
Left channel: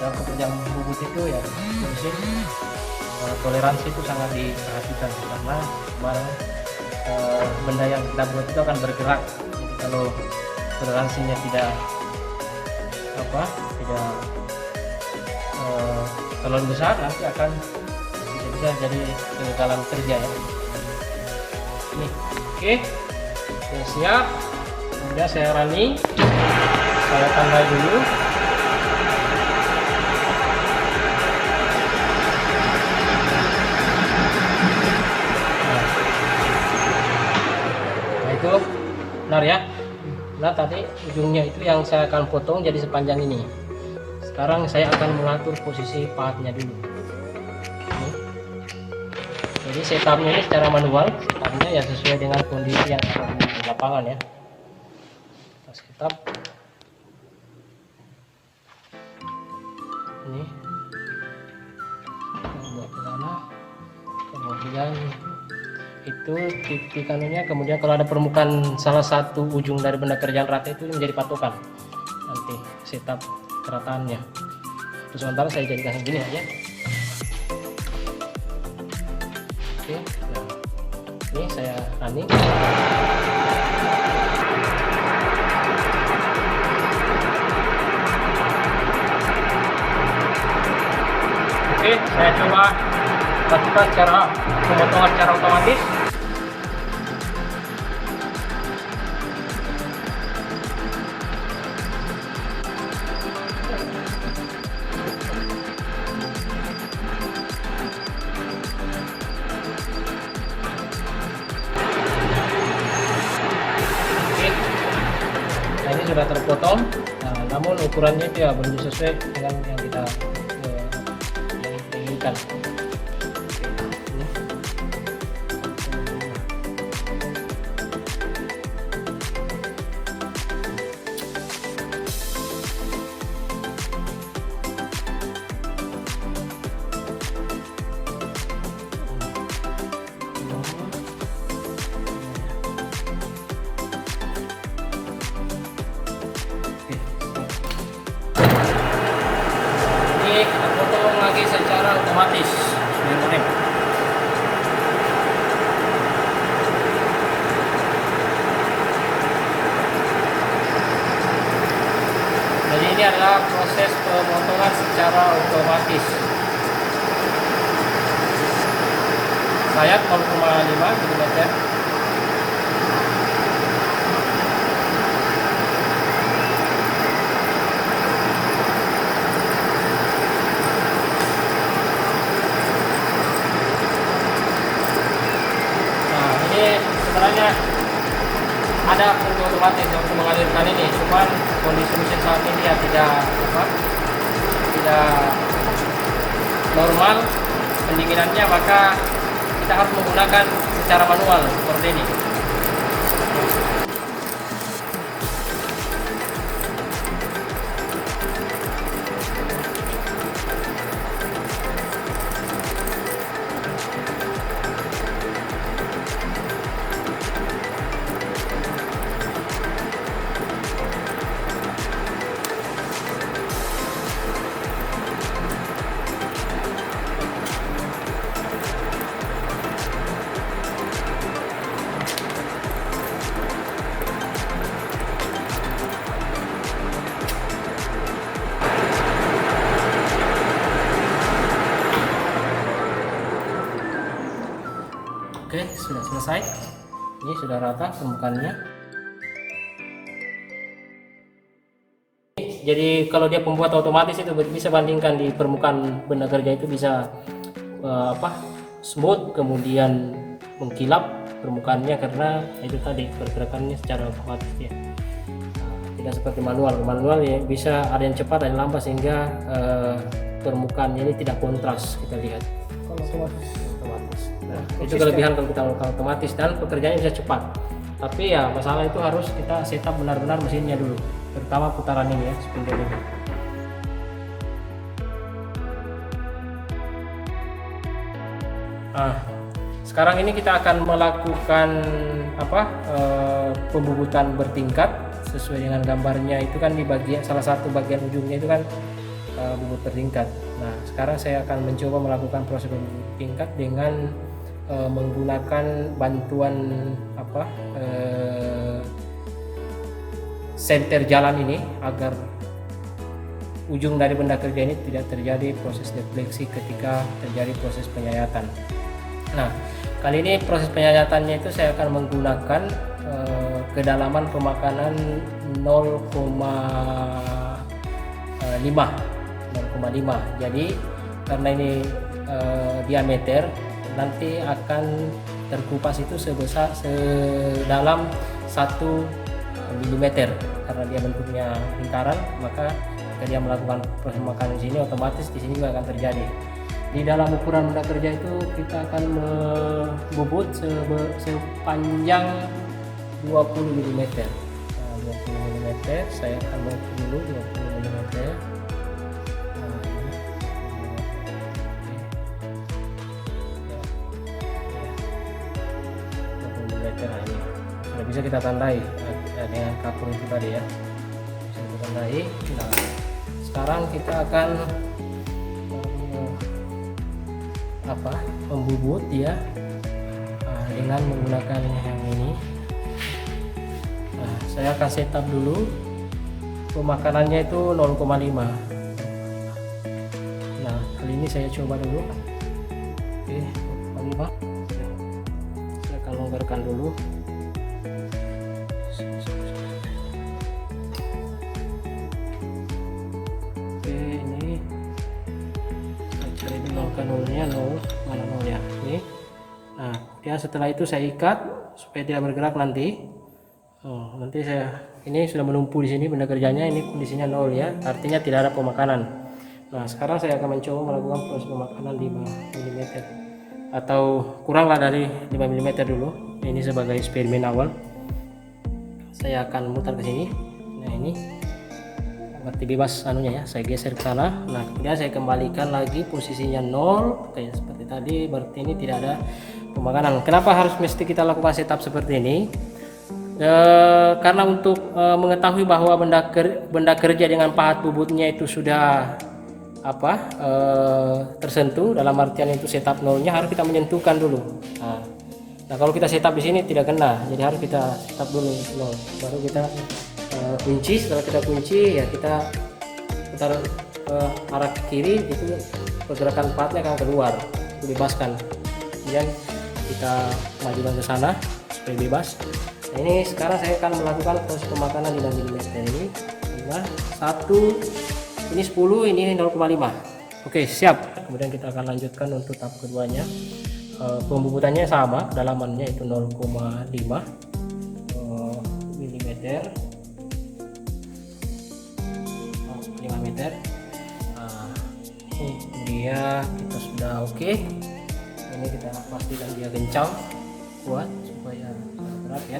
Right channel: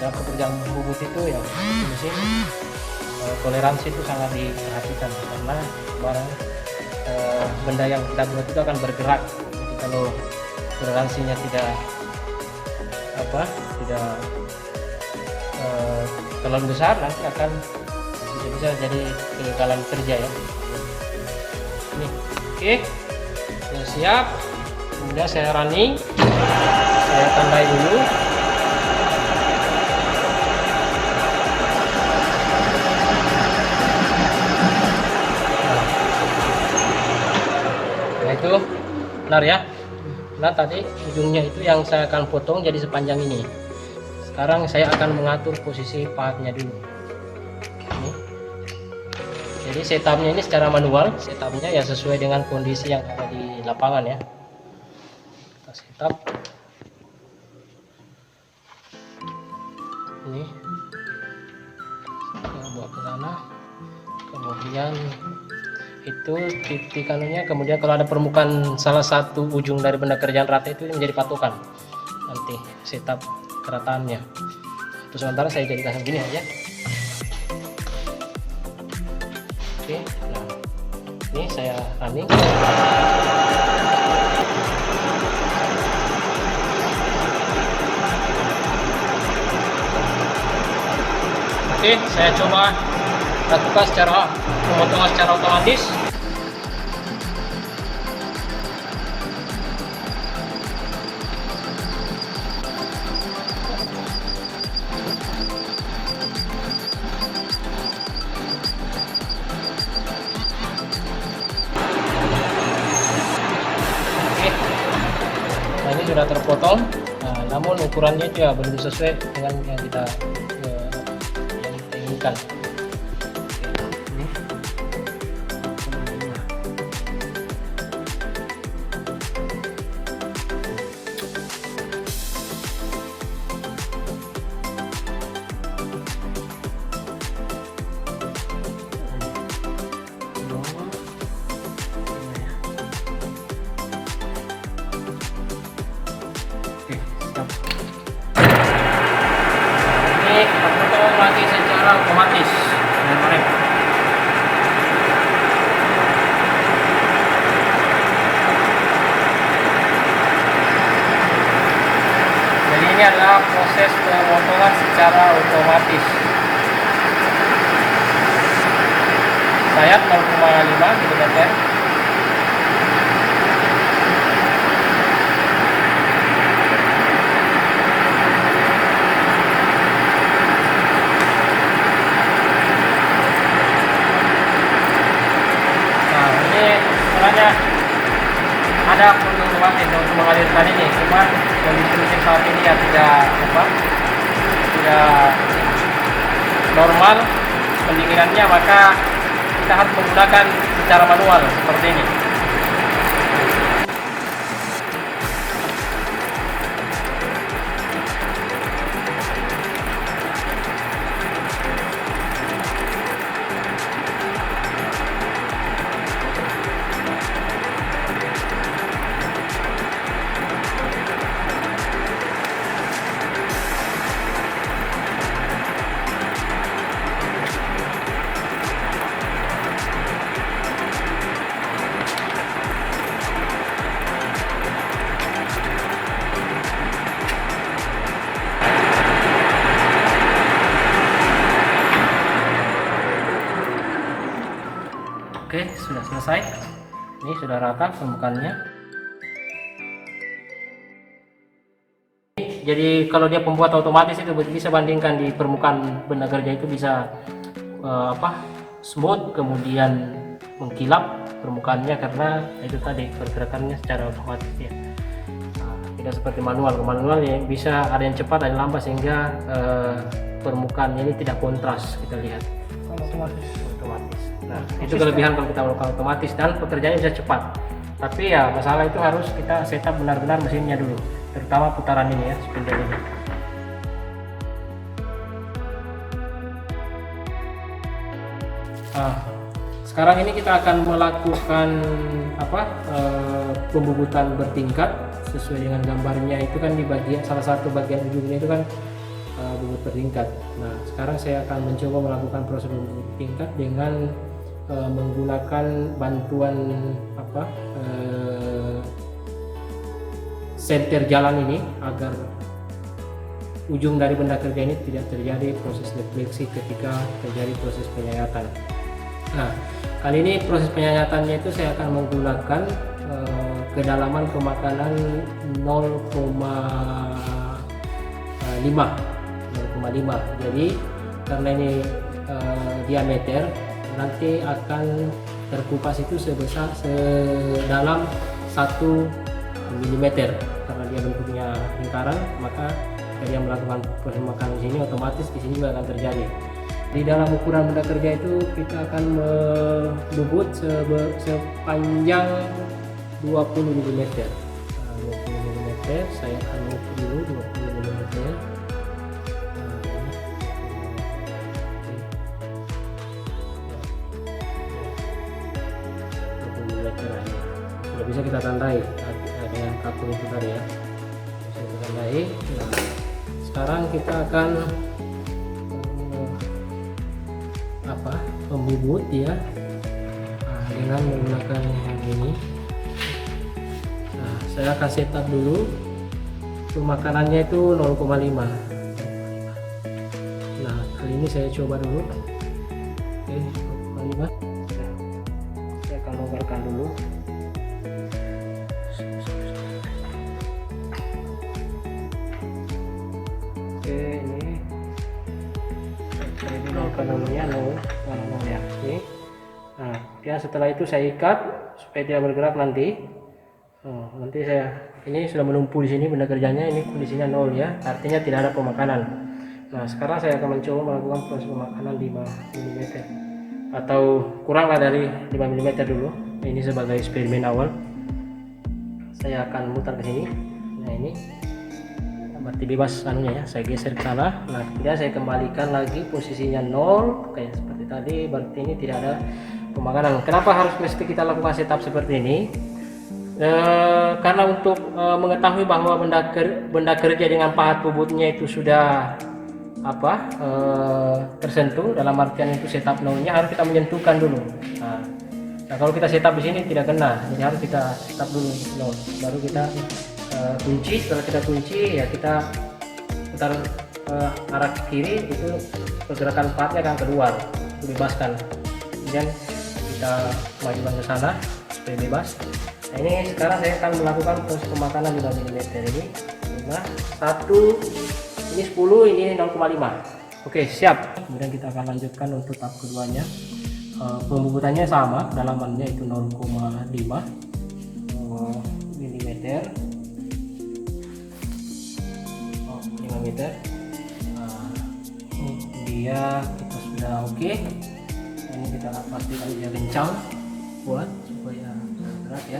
Dalam pekerjaan bubut itu ya finishing, toleransi itu sangat diperhatikan karena barang benda yang kita buat itu akan bergerak. Jadi kalau toleransinya tidak terlalu besar, nanti akan bisa jadi kegagalan kerja ya. Ini oke, ya siap. Kemudian saya running, saya tandai dulu. Itu benar ya. Nah, tadi ujungnya itu yang saya akan potong jadi sepanjang ini. Sekarang saya akan mengatur posisi pahatnya dulu. Ini. Jadi setupnya ini secara manual, setupnya ya sesuai dengan kondisi yang ada di lapangan ya. kita setup ini, kita bawa ke sana, kemudian itu titik anunya, kemudian kalau ada permukaan salah satu ujung dari benda kerjaan rata itu menjadi patokan nanti setup kerataannya. Terus sementara saya jadikan begini aja. Oke, nah ini saya running. Oke, saya coba lakukan secara pemotongan secara otomatis. Oke, nah ini sudah terpotong. Nah, namun ukurannya itu ya belum sesuai dengan yang kita inginkan. Ini kita potong lagi secara otomatis. Jadi ini adalah proses pemotongan secara otomatis. Sayat 0,5 mm. Sebenarnya ada kunci otomatis untuk mengalirkan ini, cuman kondisi mesin saat ini ya tidak normal pendinginannya, maka kita harus menggunakan secara manual seperti ini. Oke, sudah selesai. Ini sudah rata permukaannya. Jadi kalau dia pembuat otomatis itu bisa bandingkan di permukaan benda kerja itu bisa smooth, kemudian mengkilap permukaannya karena itu tadi pergerakannya secara otomatis ya. Tidak seperti manual. Manual ya bisa ada yang cepat, ada yang lambat sehingga permukaannya ini tidak kontras kita lihat. Otomatis. Nah, itu kelebihan kalau kita lakukan otomatis dan pekerjaannya bisa cepat. Tapi ya masalah itu harus kita setup benar-benar mesinnya dulu, terutama putaran ini ya, spindle ini. Sekarang ini kita akan melakukan pembubutan bertingkat sesuai dengan gambarnya. Itu kan di bagian salah satu bagian ujungnya itu kan bubut bertingkat. Nah, sekarang saya akan mencoba melakukan proses bubut bertingkat dengan menggunakan bantuan senter jalan ini agar ujung dari benda kerja ini tidak terjadi proses defleksi ketika terjadi proses penyayatan. Nah, kali ini proses penyayatannya itu saya akan menggunakan kedalaman pemakanan 0,5. Jadi karena ini diameter, nanti akan terkupas itu sedalam 1 mm karena dia bentuknya lingkaran, maka jika dia melakukan proses pemakanan di sini, otomatis di sini juga akan terjadi. Di dalam ukuran benda kerja itu kita akan membubut sepanjang 20 mm. saya akan ukur dulu 20 mm. Sudah bisa kita tandai dengan kaku itu tadi ya, bisa kita tandai. Nah, sekarang kita akan membubut ya, dengan menggunakan yang ini. Nah, saya akan setup dulu pemakanannya itu 0,5. Nah, kali ini saya coba dulu. Oke, 0,5. Saya akan longgarkan dulu. Oke, ini longgarkan dulunya 0 ya. Oke. Nah, ya setelah itu saya ikat supaya tidak bergerak nanti. Nanti saya ini sudah menumpuk di sini benda kerjanya, ini kondisinya 0 ya, artinya tidak ada pemakanan. Nah, sekarang saya akan mencoba melakukan proses pemakanan 5 mm atau kuranglah dari 5 mm dulu. Ini sebagai eksperimen awal. Saya akan mutar ke sini. Nah, ini berarti bebas anunya ya, saya geser ke sana. Nah, kemudian saya kembalikan lagi posisinya 0 kayak seperti tadi, berarti ini tidak ada pemakanan. Kenapa harus mesti kita lakukan setup seperti ini? Karena untuk mengetahui bahwa benda kerja dengan pahat bubutnya itu sudah tersentuh, dalam artian itu setup nolnya harus kita menyentuhkan dulu. Nah, kalau kita setup di sini tidak kena, jadi harus kita setup dulu nol, baru kita kunci. Setelah kita kunci ya kita putar arah kiri, itu pergerakan pahatnya akan keluar, bebaskan. Kemudian kita majukan ke sana supaya bebas. Nah, ini sekarang saya akan melakukan proses pemakanan 5 mm ini. 1, ini 10, ini 0,5. Oke, siap. Kemudian kita akan lanjutkan untuk tahap keduanya. Pembubutannya sama, dalamannya itu 0,5 mm. 5 meter. Dia kita sudah oke. Ini kita pastikan dia kencang, kuat supaya berat ya.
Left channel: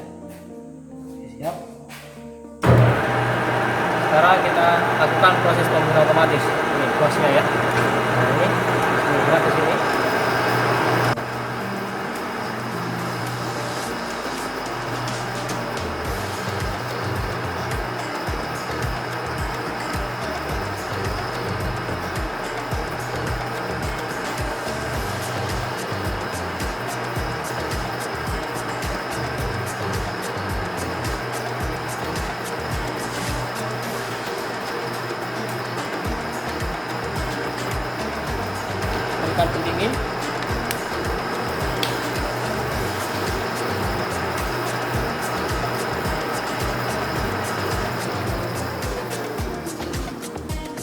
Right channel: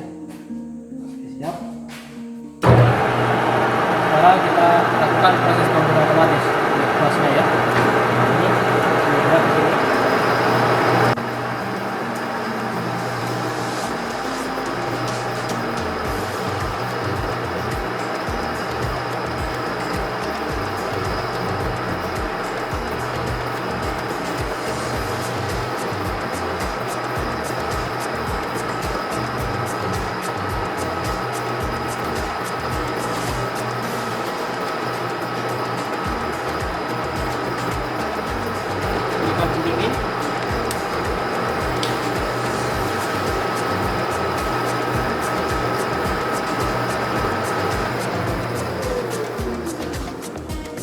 Oke, siap. Sekarang kita lakukan proses pembuatan otomatis prosesnya ya. Nah, ini berat di sini. Pendingin.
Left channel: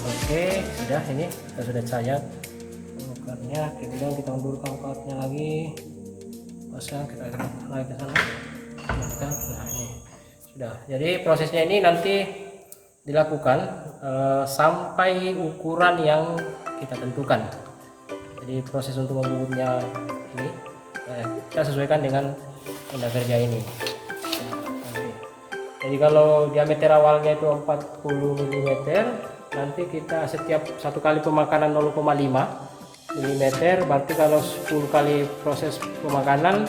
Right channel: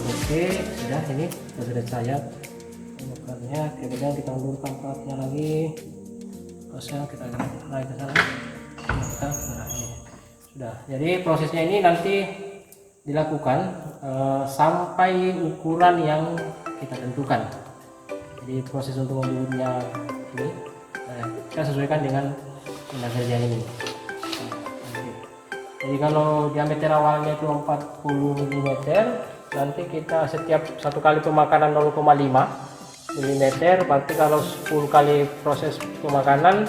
Oke, sudah, ini kita sudah cair pembukaannya. Kemudian kita ulurkan pahatnya lagi, pasang, kita akan naik ke sana. Nah, ini sudah. Jadi prosesnya ini nanti dilakukan sampai ukuran yang kita tentukan. Jadi proses untuk membubutnya ini kita sesuaikan dengan benda kerja ini. Jadi kalau diameter awalnya itu 40 mm, nanti kita setiap satu kali pemakanan 0,5 mm, berarti kalau 10 kali proses pemakanan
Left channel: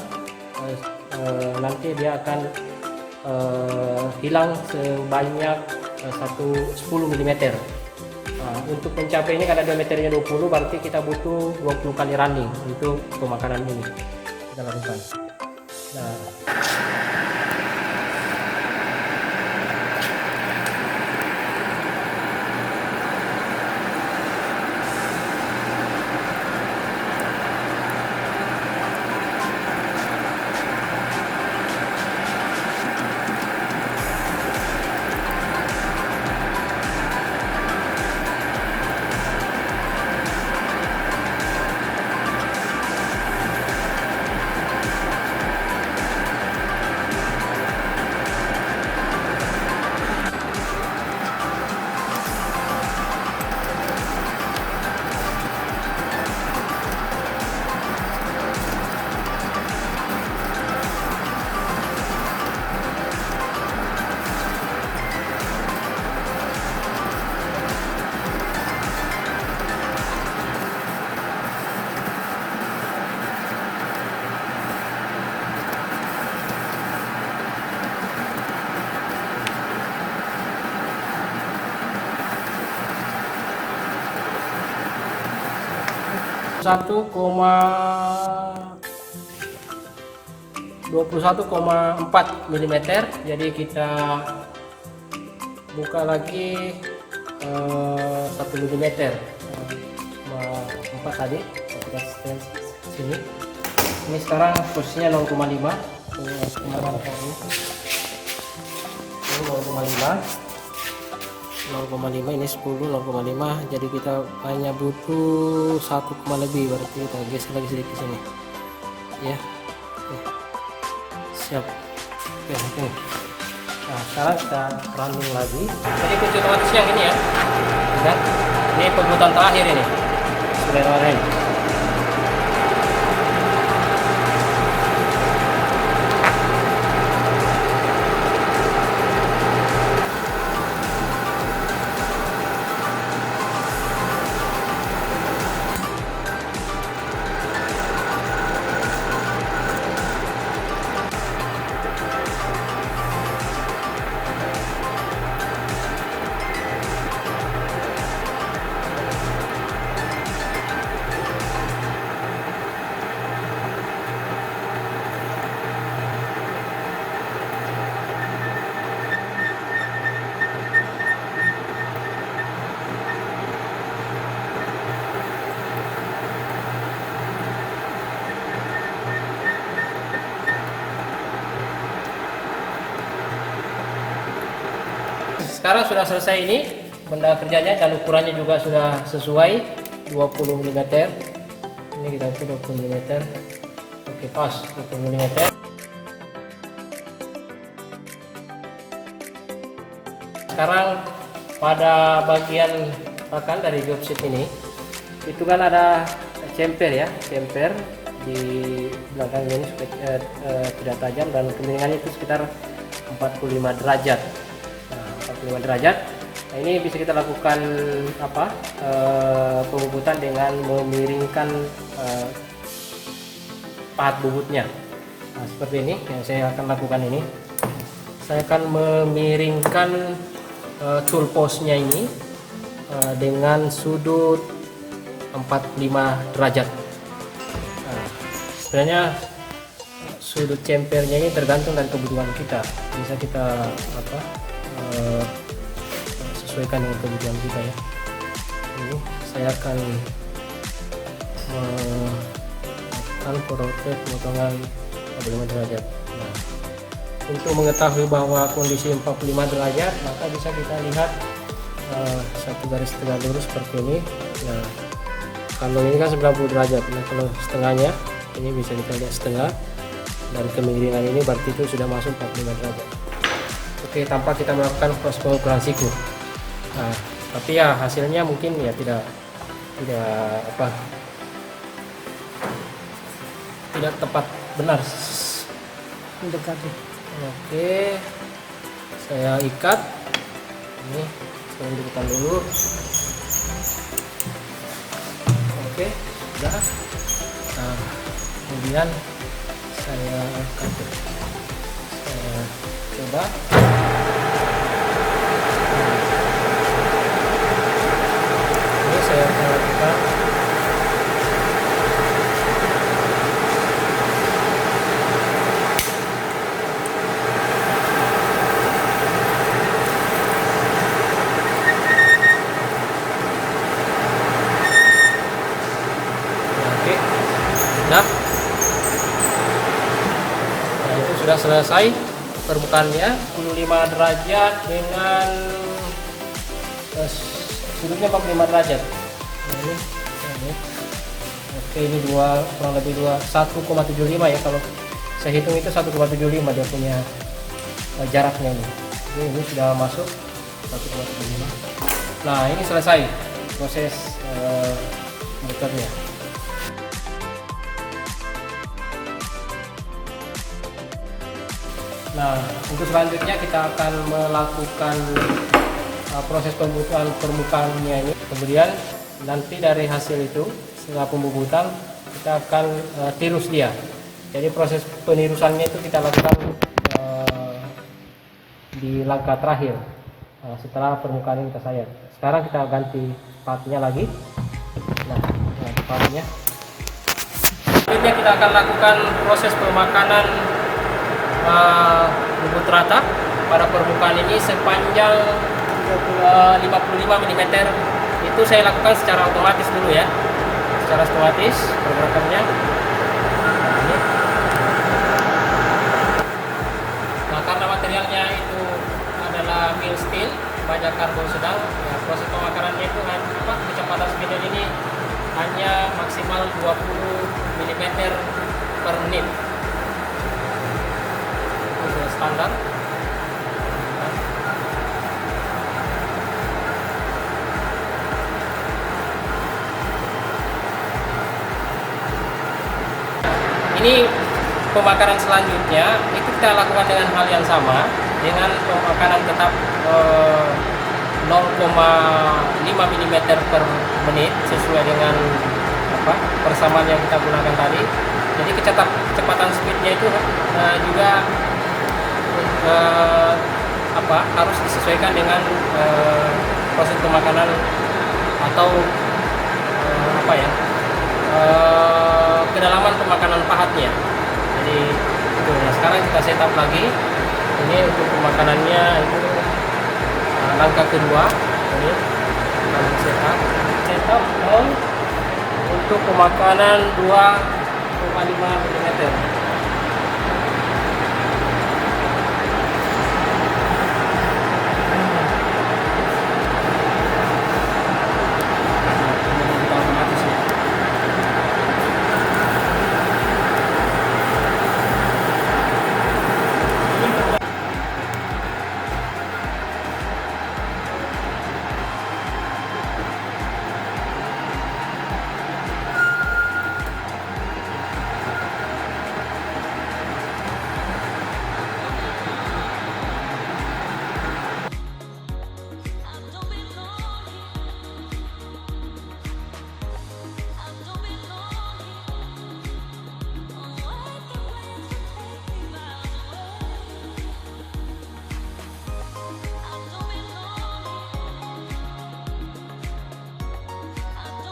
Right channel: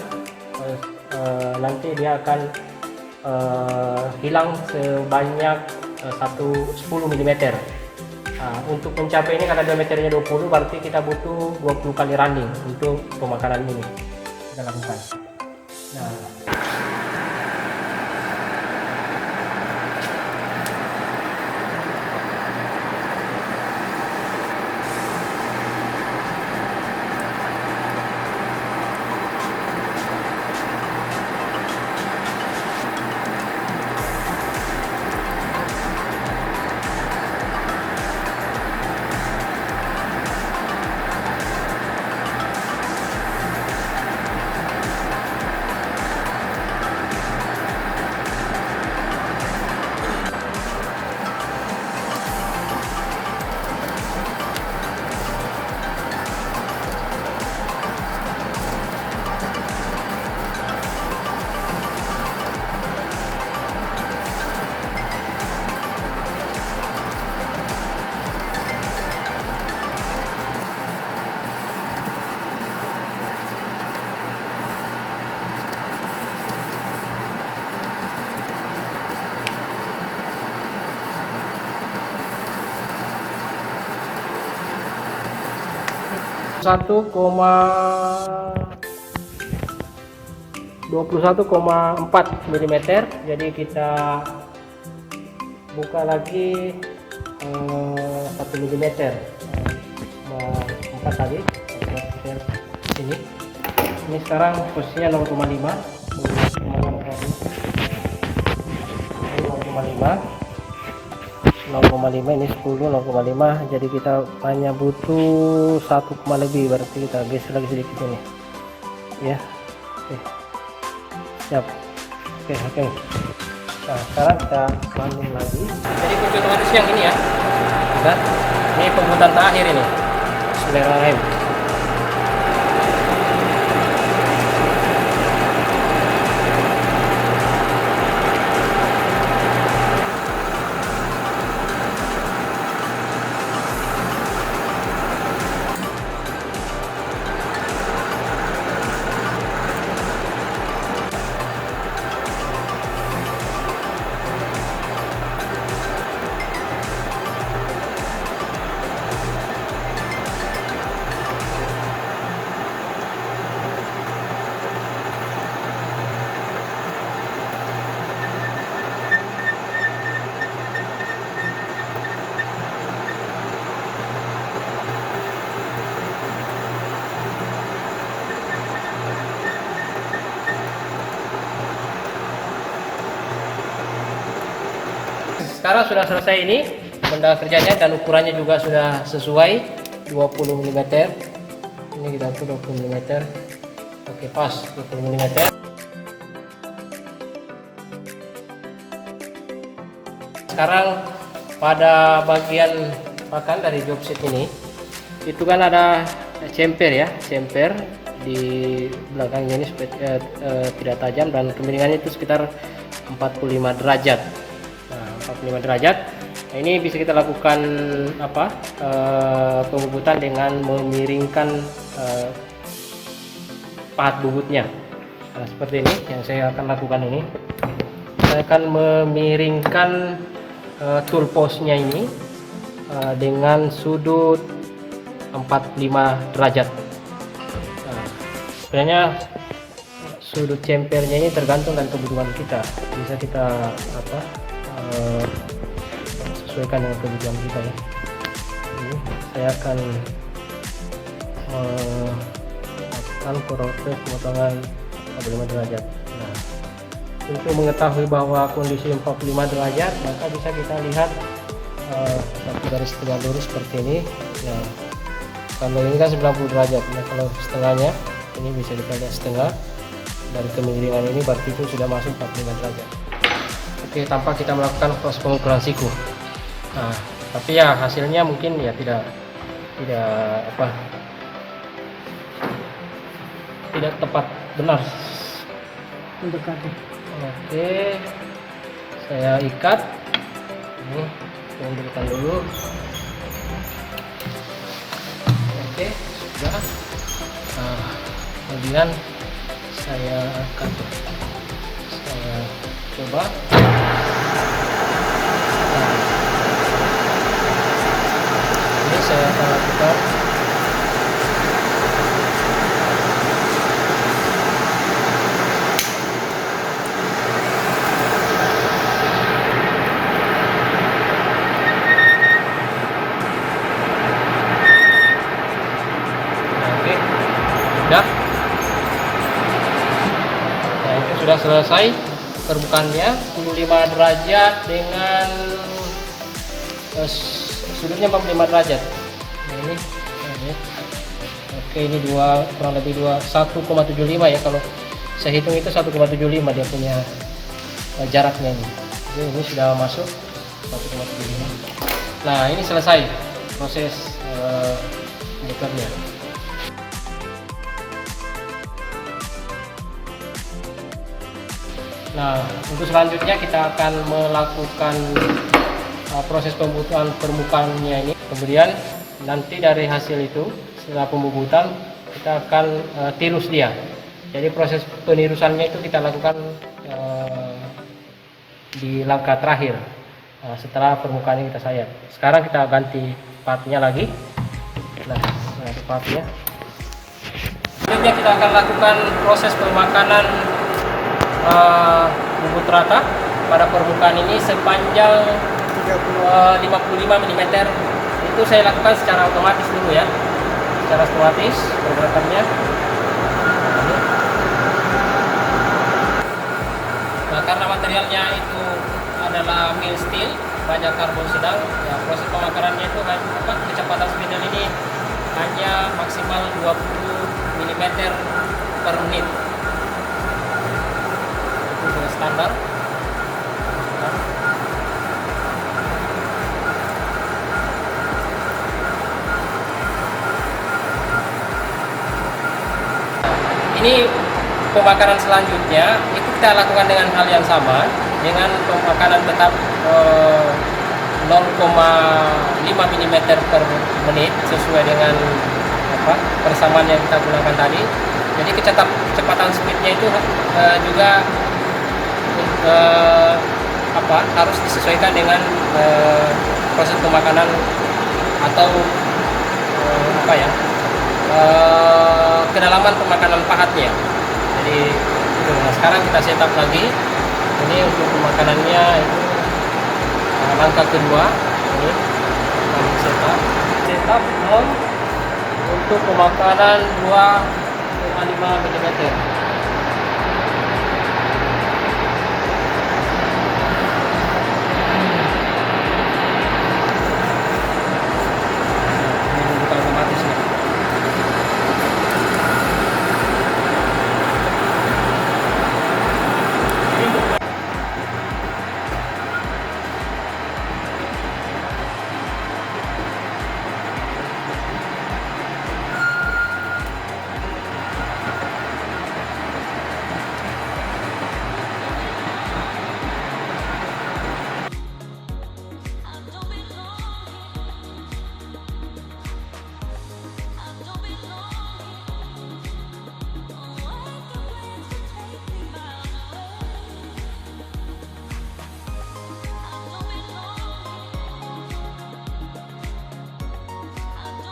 nanti dia akan hilang sebanyak 10 mm. Nah, untuk mencapai ini karena diameternya 20, berarti kita butuh 20 kali running untuk pemakanan ini kita lakukan. Nah, 21,4 mm. Jadi kita buka lagi 1 mm, 4 tadi kita setel sini. Ini sekarang posisinya 0,5. Ini 0,5, ini 10, 0,5. Jadi kita hanya butuh 1, lebih, berarti kita geser lagi sedikit ini ya. Oke. Siap. Oke. Nah, sekarang kita running lagi. Jadi kunci otomatis yang ini ya. Lihat, ini pembuatan terakhir ini. Bismillahirrahmanirrahim. Sekarang sudah selesai ini benda kerjanya, dan ukurannya juga sudah sesuai 20 mm. Ini kita pakai 20 mm. Oke, pas 20 mm. Sekarang pada bagian pakan dari job set ini, itu kan ada cemper ya, cemper di belakangnya ini tidak tajam, dan kemiringannya itu sekitar 45 derajat. 45 derajat. Nah, ini bisa kita lakukan pembubutan dengan memiringkan pahat bubutnya. Nah, seperti ini yang saya akan lakukan ini. Saya akan memiringkan tool post-nya ini dengan sudut 45 derajat. Nah, sebenarnya sudut cempernya ini tergantung dari kebutuhan kita. Bisa kita sesuaikan dengan kebutuhan kita ya. Ini saya akan melakukan proses pemotongan 45 derajat. Nah, untuk mengetahui bahwa kondisi 45 derajat, maka bisa kita lihat satu garis tegak lurus seperti ini. Nah, kalau ini kan 90 derajat. Nah, kalau setengahnya ini bisa kita lihat setengah dari kemiringan ini, berarti itu sudah masuk 45 derajat. Oke, tanpa kita melakukan proses pengukuran siku. Nah, tapi ya hasilnya mungkin ya tidak tepat benar mendekati. Oke, saya ikat ini, saya ditekan dulu. Oke, sudah. Nah, kemudian saya coba. Ini saya akan lakukan sudah. Nah, itu sudah selesai permukaannya 45 derajat dengan sudutnya 45 derajat. Nah, ini oke, ini kurang lebih 1,75 ya, kalau saya hitung itu 1,75 dia punya jaraknya ini. Jadi ini sudah masuk 1,75. Nah, ini selesai proses bekerja. Nah, untuk selanjutnya kita akan melakukan proses pembubutan permukaannya ini. Kemudian nanti dari hasil itu, setelah pembubutan, kita akan tirus dia. Jadi proses penirusannya itu kita lakukan di langkah terakhir setelah permukaannya kita sayat. Sekarang kita ganti partnya lagi. Nah partnya selanjutnya kita akan lakukan proses pemakanan bubut rata pada permukaan ini sepanjang 55 mm. Itu saya lakukan secara otomatis dulu ya, secara otomatis pergerakannya. Nah, karena materialnya itu adalah mild steel, baja karbon sedang, ya proses pemakanannya itu kecepatan spindle ini hanya maksimal 20 mm per menit. Itu sudah standar. Ini pemakaran selanjutnya itu kita lakukan dengan hal yang sama, dengan pemakanan tetap 0,5 mm per menit sesuai dengan persamaan yang kita gunakan tadi. Jadi kecepatan speednya itu juga harus disesuaikan dengan proses pemakanan atau kedalaman pemakanan pahatnya. Jadi itu. Nah, sekarang kita setup lagi. Ini untuk pemakanannya itu langkah kedua. Ini kita setup down untuk pemakanan 2,5 mm.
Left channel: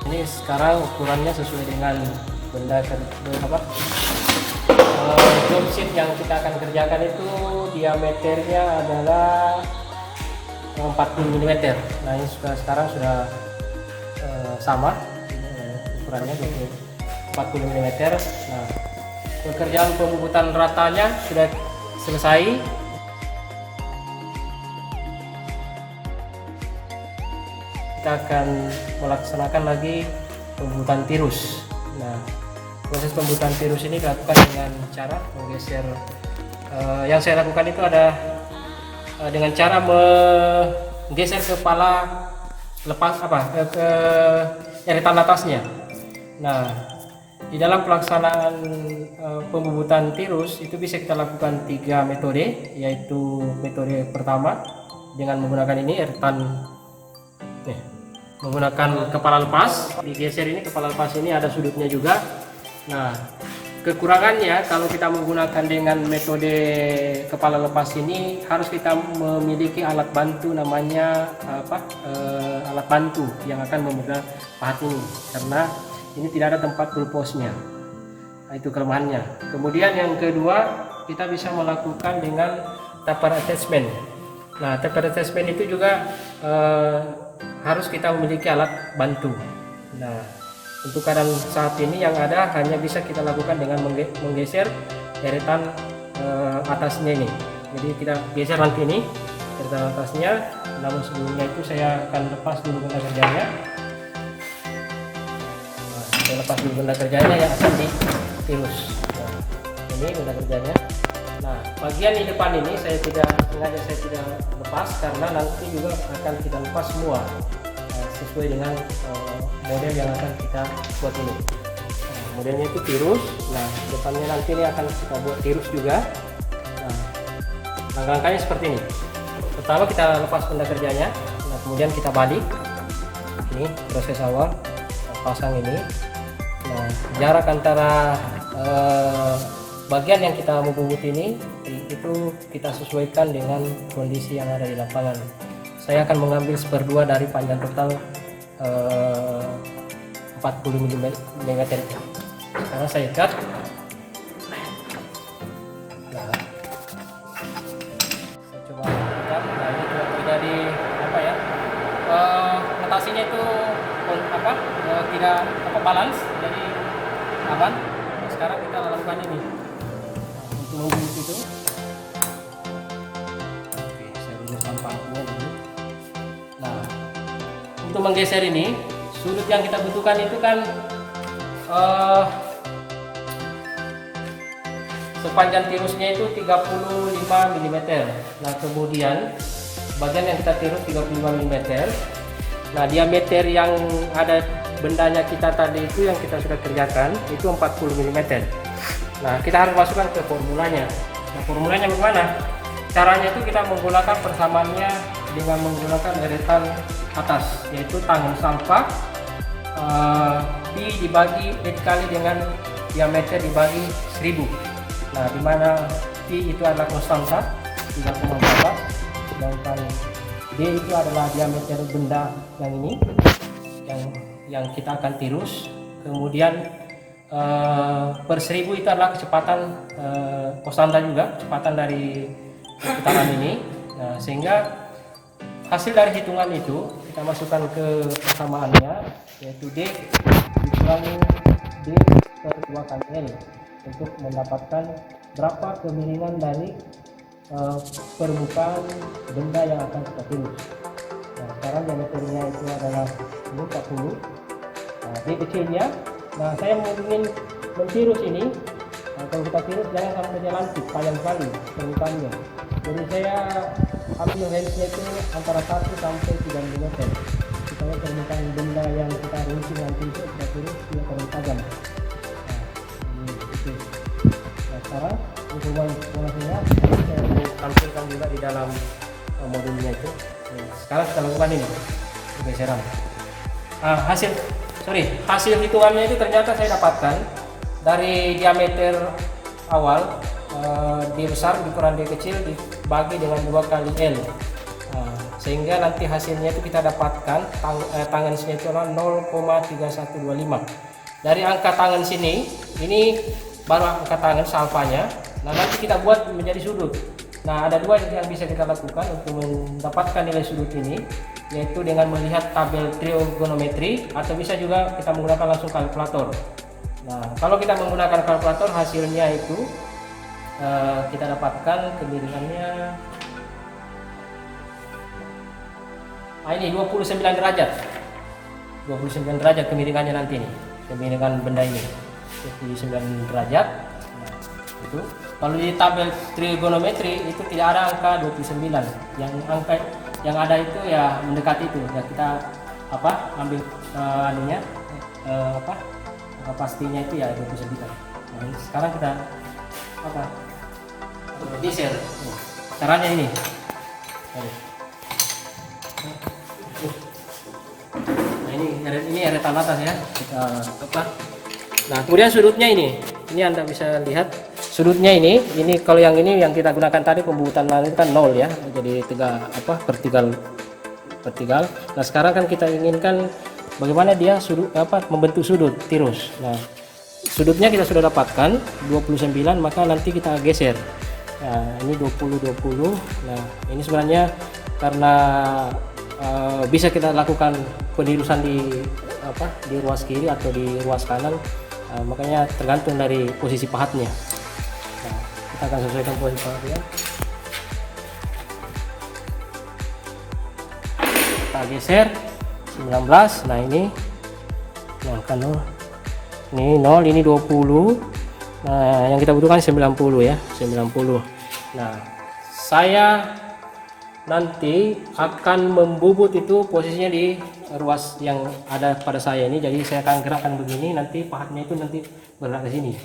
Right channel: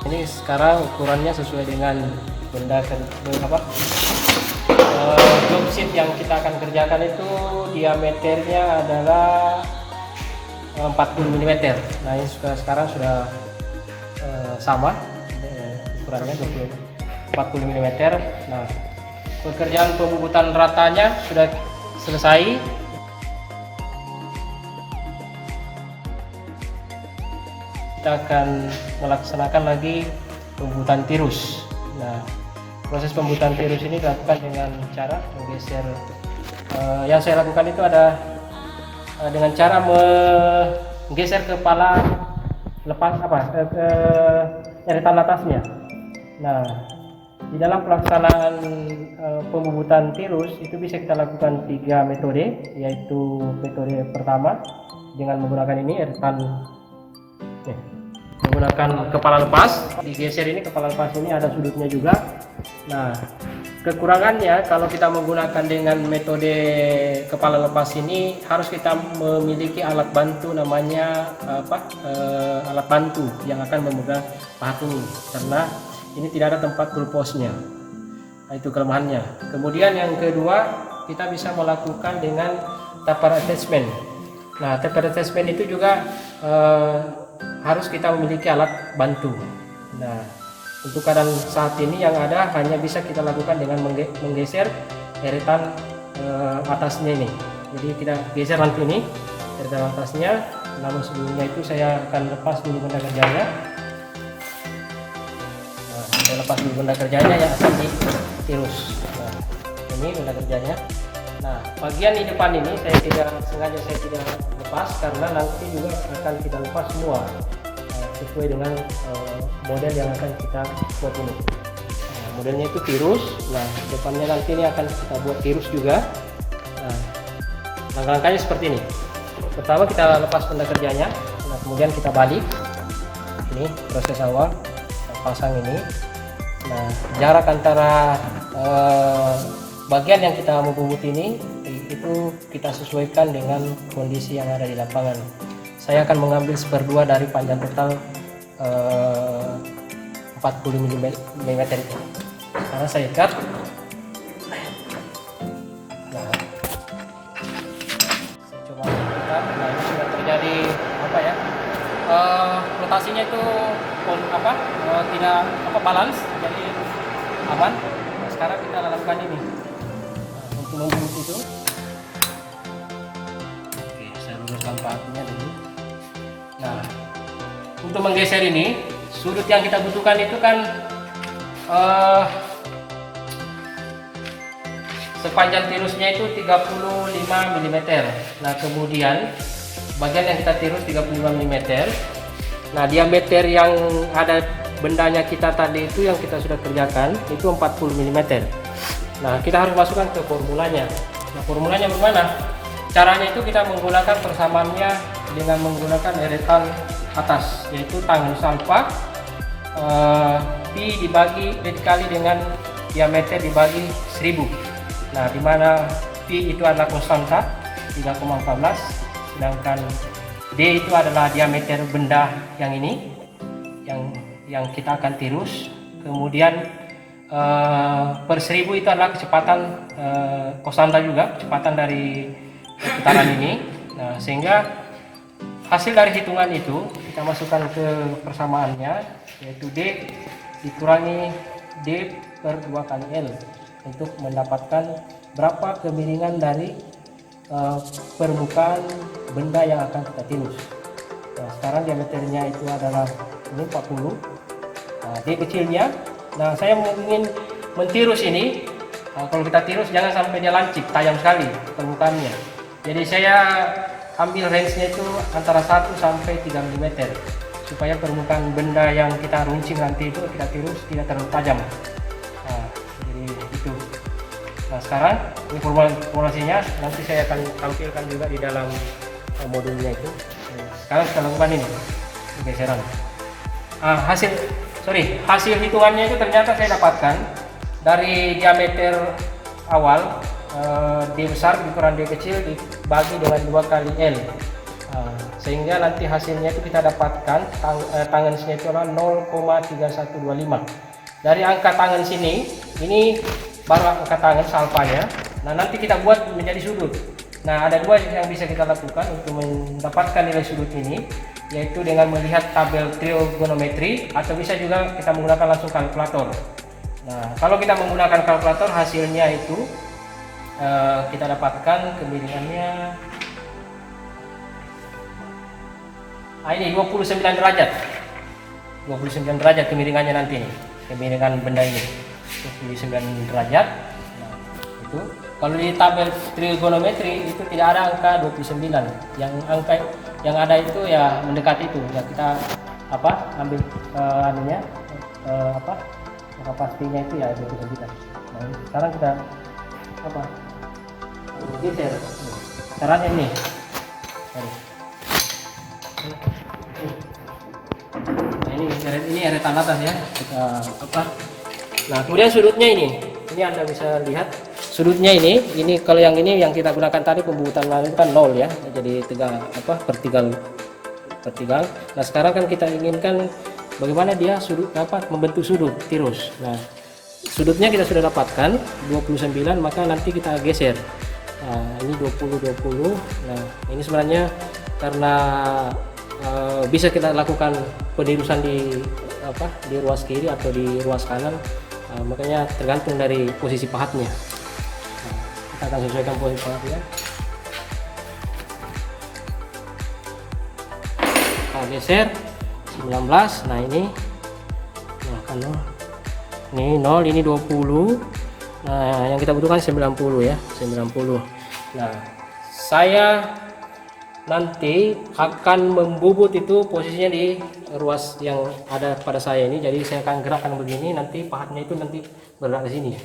Ini sekarang ukurannya sesuai dengan benda job sheet yang kita akan kerjakan itu diameternya adalah 40 mm. Nah, ini sekarang sudah sama ukurannya 40 mm. Nah, pekerjaan pembubutan ratanya sudah selesai. Kita akan melaksanakan lagi pembubutan tirus. Nah, proses pembubutan tirus ini dilakukan dengan cara menggeser. Yang saya lakukan itu ada dengan cara menggeser kepala lepas ke eretan atasnya. Nah, di dalam pelaksanaan pembubutan tirus itu bisa kita lakukan 3 metode, yaitu metode pertama dengan menggunakan ini eretan. Menggunakan kepala lepas, digeser ini kepala lepas ini ada sudutnya juga. Nah, kekurangannya kalau kita menggunakan dengan metode kepala lepas ini harus kita memiliki alat bantu, namanya alat bantu yang akan memegang pahat ini, karena ini tidak ada tempat gluposnya. Nah, itu kelemahannya. Kemudian yang kedua, kita bisa melakukan dengan taper attachment. Nah, taper attachment itu juga harus kita memiliki alat bantu. Nah, untuk keadaan saat ini yang ada hanya bisa kita lakukan dengan menggeser eretan atasnya ini. Jadi kita geser nanti ini eretan atasnya. Namun sebelumnya itu saya akan lepas dulu benda kerjanya. Nah, saya lepas dulu benda kerjanya yang akan ditirus. Nah, ini benda kerjanya. Nah, bagian di depan ini saya tidak lepas karena nanti juga akan kita lepas semua sesuai dengan model yang akan kita buat ini. Nah, modelnya itu tirus. Nah, depannya nanti ini akan kita buat tirus juga. Nah, langkah-langkahnya seperti ini. Pertama kita lepas benda kerjanya. Nah, kemudian kita balik. Ini proses awal pasang ini. Nah, jarak antara bagian yang kita mau bubut ini itu kita sesuaikan dengan kondisi yang ada di lapangan. Saya akan mengambil 1/2 dari panjang total 40 mm itu. Sekarang saya ikat. Nah, saya coba ikat. Nah, ini sudah terjadi apa ya? Rotasinya itu tidak balance, jadi aman. Nah, sekarang kita lakukan ini. Nah, untuk membungkus itu. Oke, saya luruskan pakunya dulu. Nah, untuk menggeser ini, sudut yang kita butuhkan itu kan sepanjang tirusnya itu 35 mm. Nah, kemudian bagian yang kita tirus 35 mm. Nah, diameter yang ada bendanya kita tadi itu yang kita sudah kerjakan itu 40 mm. Nah, kita harus masukkan ke formulanya. Nah, formulanya bagaimana? Caranya itu kita menggunakan persamaannya dengan menggunakan eretan atas, yaitu tangan salva pi dikali dengan diameter dibagi 1000. Nah, dimana pi itu adalah konstanta 3,14, sedangkan d itu adalah diameter benda yang ini yang kita akan tirus. Kemudian per 1000 itu adalah kecepatan konstanta juga, kecepatan dari putaran ini. Nah, sehingga hasil dari hitungan itu kita masukkan ke persamaannya, yaitu D dikurangi D per 2 kali L untuk mendapatkan berapa kemiringan dari permukaan benda yang akan kita tirus. Nah, sekarang diameternya itu adalah ini 40. Nah, D kecilnya. Nah, saya ingin mentirus ini. Kalau kita tirus jangan sampai dia lancip, tajam sekali permukaannya. Jadi saya ambil range-nya itu antara 1 sampai 3 mm supaya permukaan benda yang kita runcing nanti itu kita tirus tidak terlalu tajam. Nah, jadi itu. Nah, sekarang ini formulasinya nanti saya akan tampilkan juga di dalam modulnya itu. Sekarang kita lakukan ini pergeseran. Hasil hitungannya itu ternyata saya dapatkan dari diameter awal, D besar dikurangi D kecil dibagi dengan 2 kali L. Sehingga nanti hasilnya itu kita dapatkan tangansnya itu adalah 0,3125. Dari angka tangan sini, ini baru angka tangan salvanya. Nah, nanti kita buat menjadi sudut. Nah, ada dua yang bisa kita lakukan untuk mendapatkan nilai sudut ini, yaitu dengan melihat tabel trigonometri, atau bisa juga kita menggunakan langsung kalkulator. Nah, kalau kita menggunakan kalkulator, hasilnya itu kita dapatkan kemiringannya ini 29 derajat. 29 derajat kemiringannya nanti nih. Kemiringan benda ini 29 derajat. Nah, itu kalau di tabel trigonometri itu tidak ada angka 29. Angka yang ada itu ya mendekati itu. Ya kita ambil angka pastinya itu ya 29. Nah, sekarang kita geser. Caranya ini. Nah, ini eretan atas ya. Nah, kemudian sudutnya ini Anda bisa lihat sudutnya ini kalau yang ini yang kita gunakan tadi pembuatan lalu kan 0 ya, jadi vertikal. Nah, sekarang kan kita inginkan bagaimana dia membentuk sudut tirus. Nah, sudutnya kita sudah dapatkan 29, maka nanti kita geser. Nah, ini 20. Nah, ini sebenarnya karena bisa kita lakukan penirusan di ruas kiri atau di ruas kanan, makanya tergantung dari posisi pahatnya. Nah, kita akan sesuaikan posisi pahatnya. Kita geser 19. Nah, ini ini 0, ini 20. Nah, yang kita butuhkan 90 ya, 90. Nah, saya nanti akan membubut itu posisinya di ruas yang ada pada saya ini. Jadi saya akan gerakkan begini, nanti pahatnya itu nanti bergerak ke sini.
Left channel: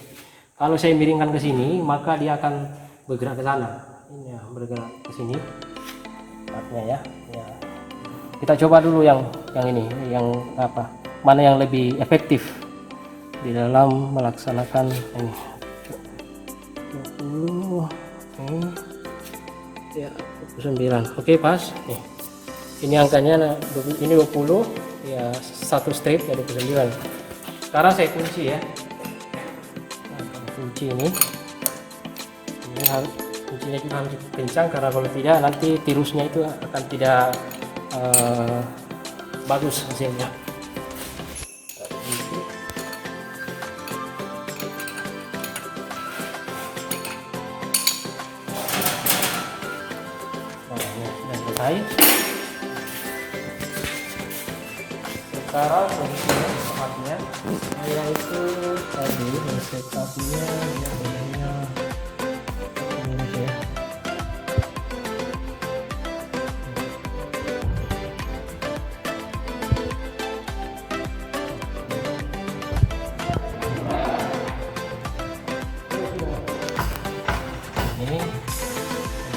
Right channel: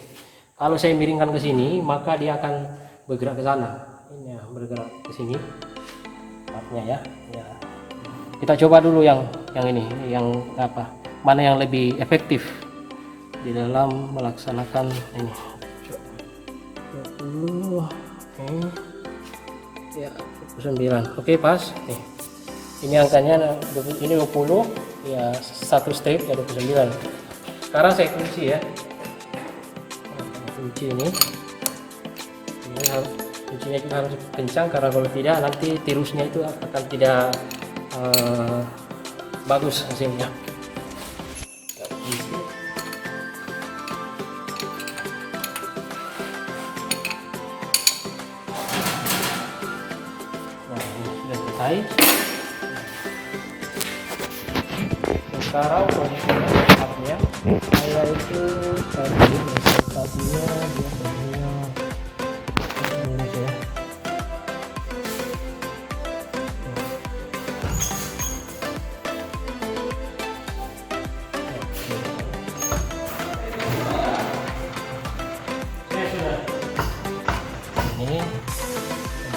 Kalau saya miringkan ke sini, maka dia akan bergerak ke sana. Ini ya, bergerak ke sini pahatnya ya. Kita coba dulu yang ini, yang mana yang lebih efektif di dalam melaksanakan ini. 20 ya, 29. Oke, pas. Ini angkanya ini 20 ya, satu strip ya 29. Sekarang saya kunci ya. kunci ini harus, kuncinya juga harus kencang, karena kalau tidak nanti tirusnya itu akan tidak bagus hasilnya. Nah, ini sudah selesai. Sekarang posisinya setupnya saya itu tadi setupnya dia bentuknya lurus ya.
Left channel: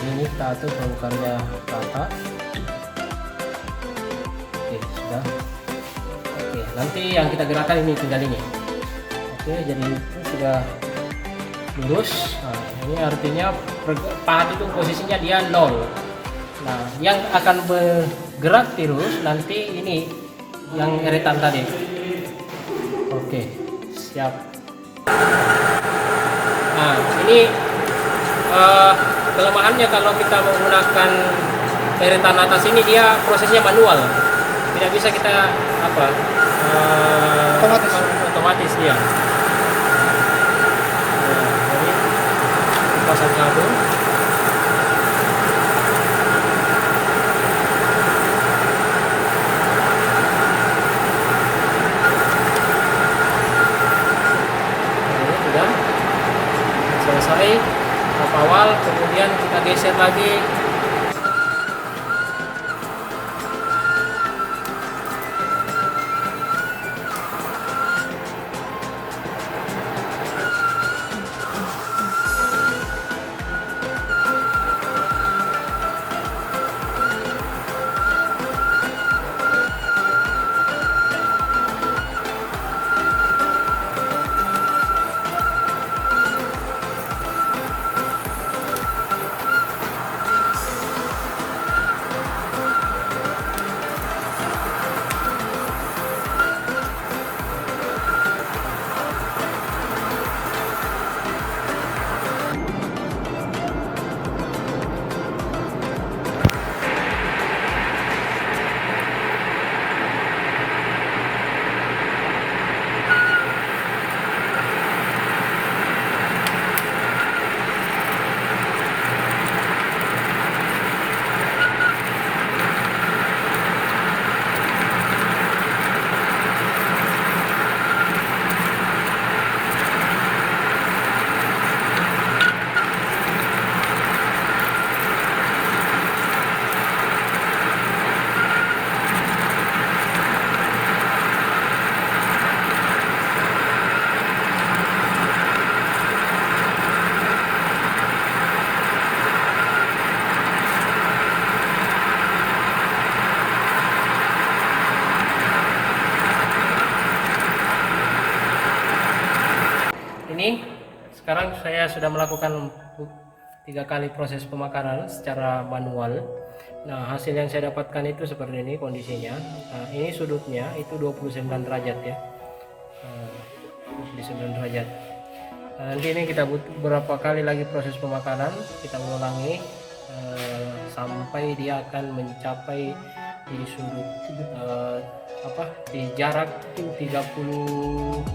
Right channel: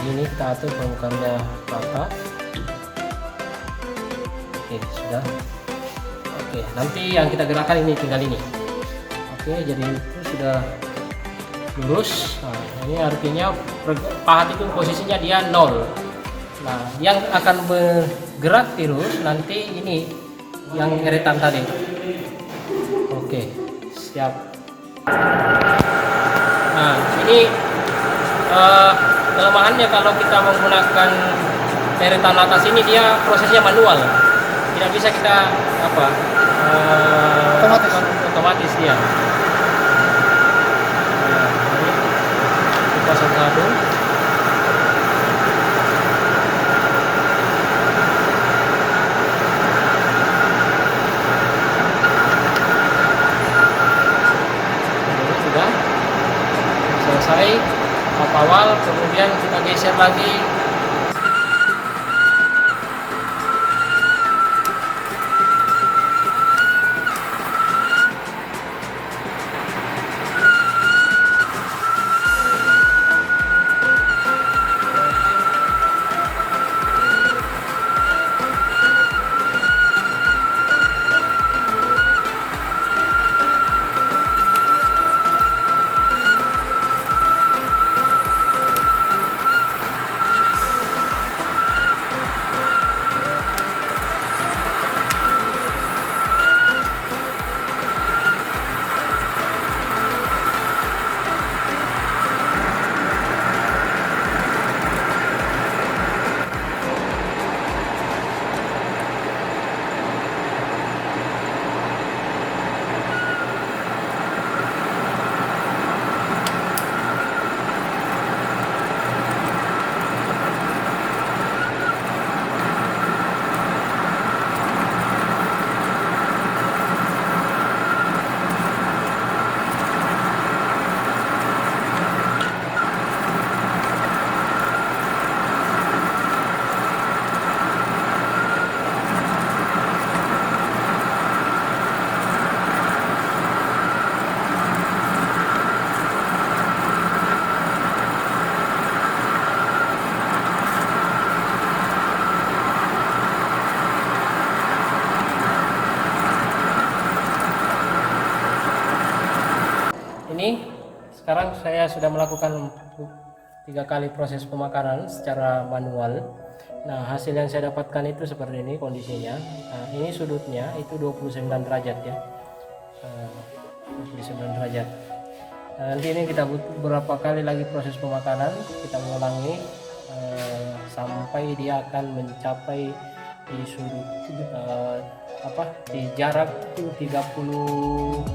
Ini kita atur pembukaannya rata. Oke, sudah. Oke, nanti yang kita gerakkan ini tinggal ini. Oke, jadi itu sudah lurus. Nah, ini artinya pahat itu posisinya dia 0. Nah, yang akan bergerak terus nanti ini yang eretan tadi. Oke, siap. Nah, ini kelemahannya kalau kita menggunakan eretan atas ini, dia prosesnya manual, tidak bisa kita otomatis dia. Nah, pasang kado. Ini sudah selesai tahap awal, kemudian kita geser lagi. Ini sekarang saya sudah melakukan 3 kali proses pemakaran secara manual. Nah, hasil yang saya dapatkan itu seperti ini kondisinya. Nah, ini sudutnya itu 29 derajat ya. 29 derajat. Nah, nanti ini kita butuh berapa kali lagi proses pemakaran, kita ulangi sampai dia akan mencapai di sudut di jarak itu 35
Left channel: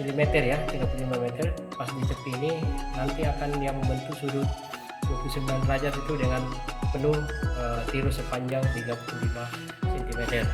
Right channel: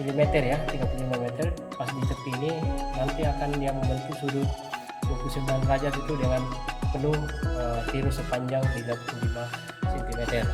mm ya, 35 meter. Pas di tepi ini nanti akan dia membentuk sudut 29 derajat itu dengan penuh tirus sepanjang 35 cm.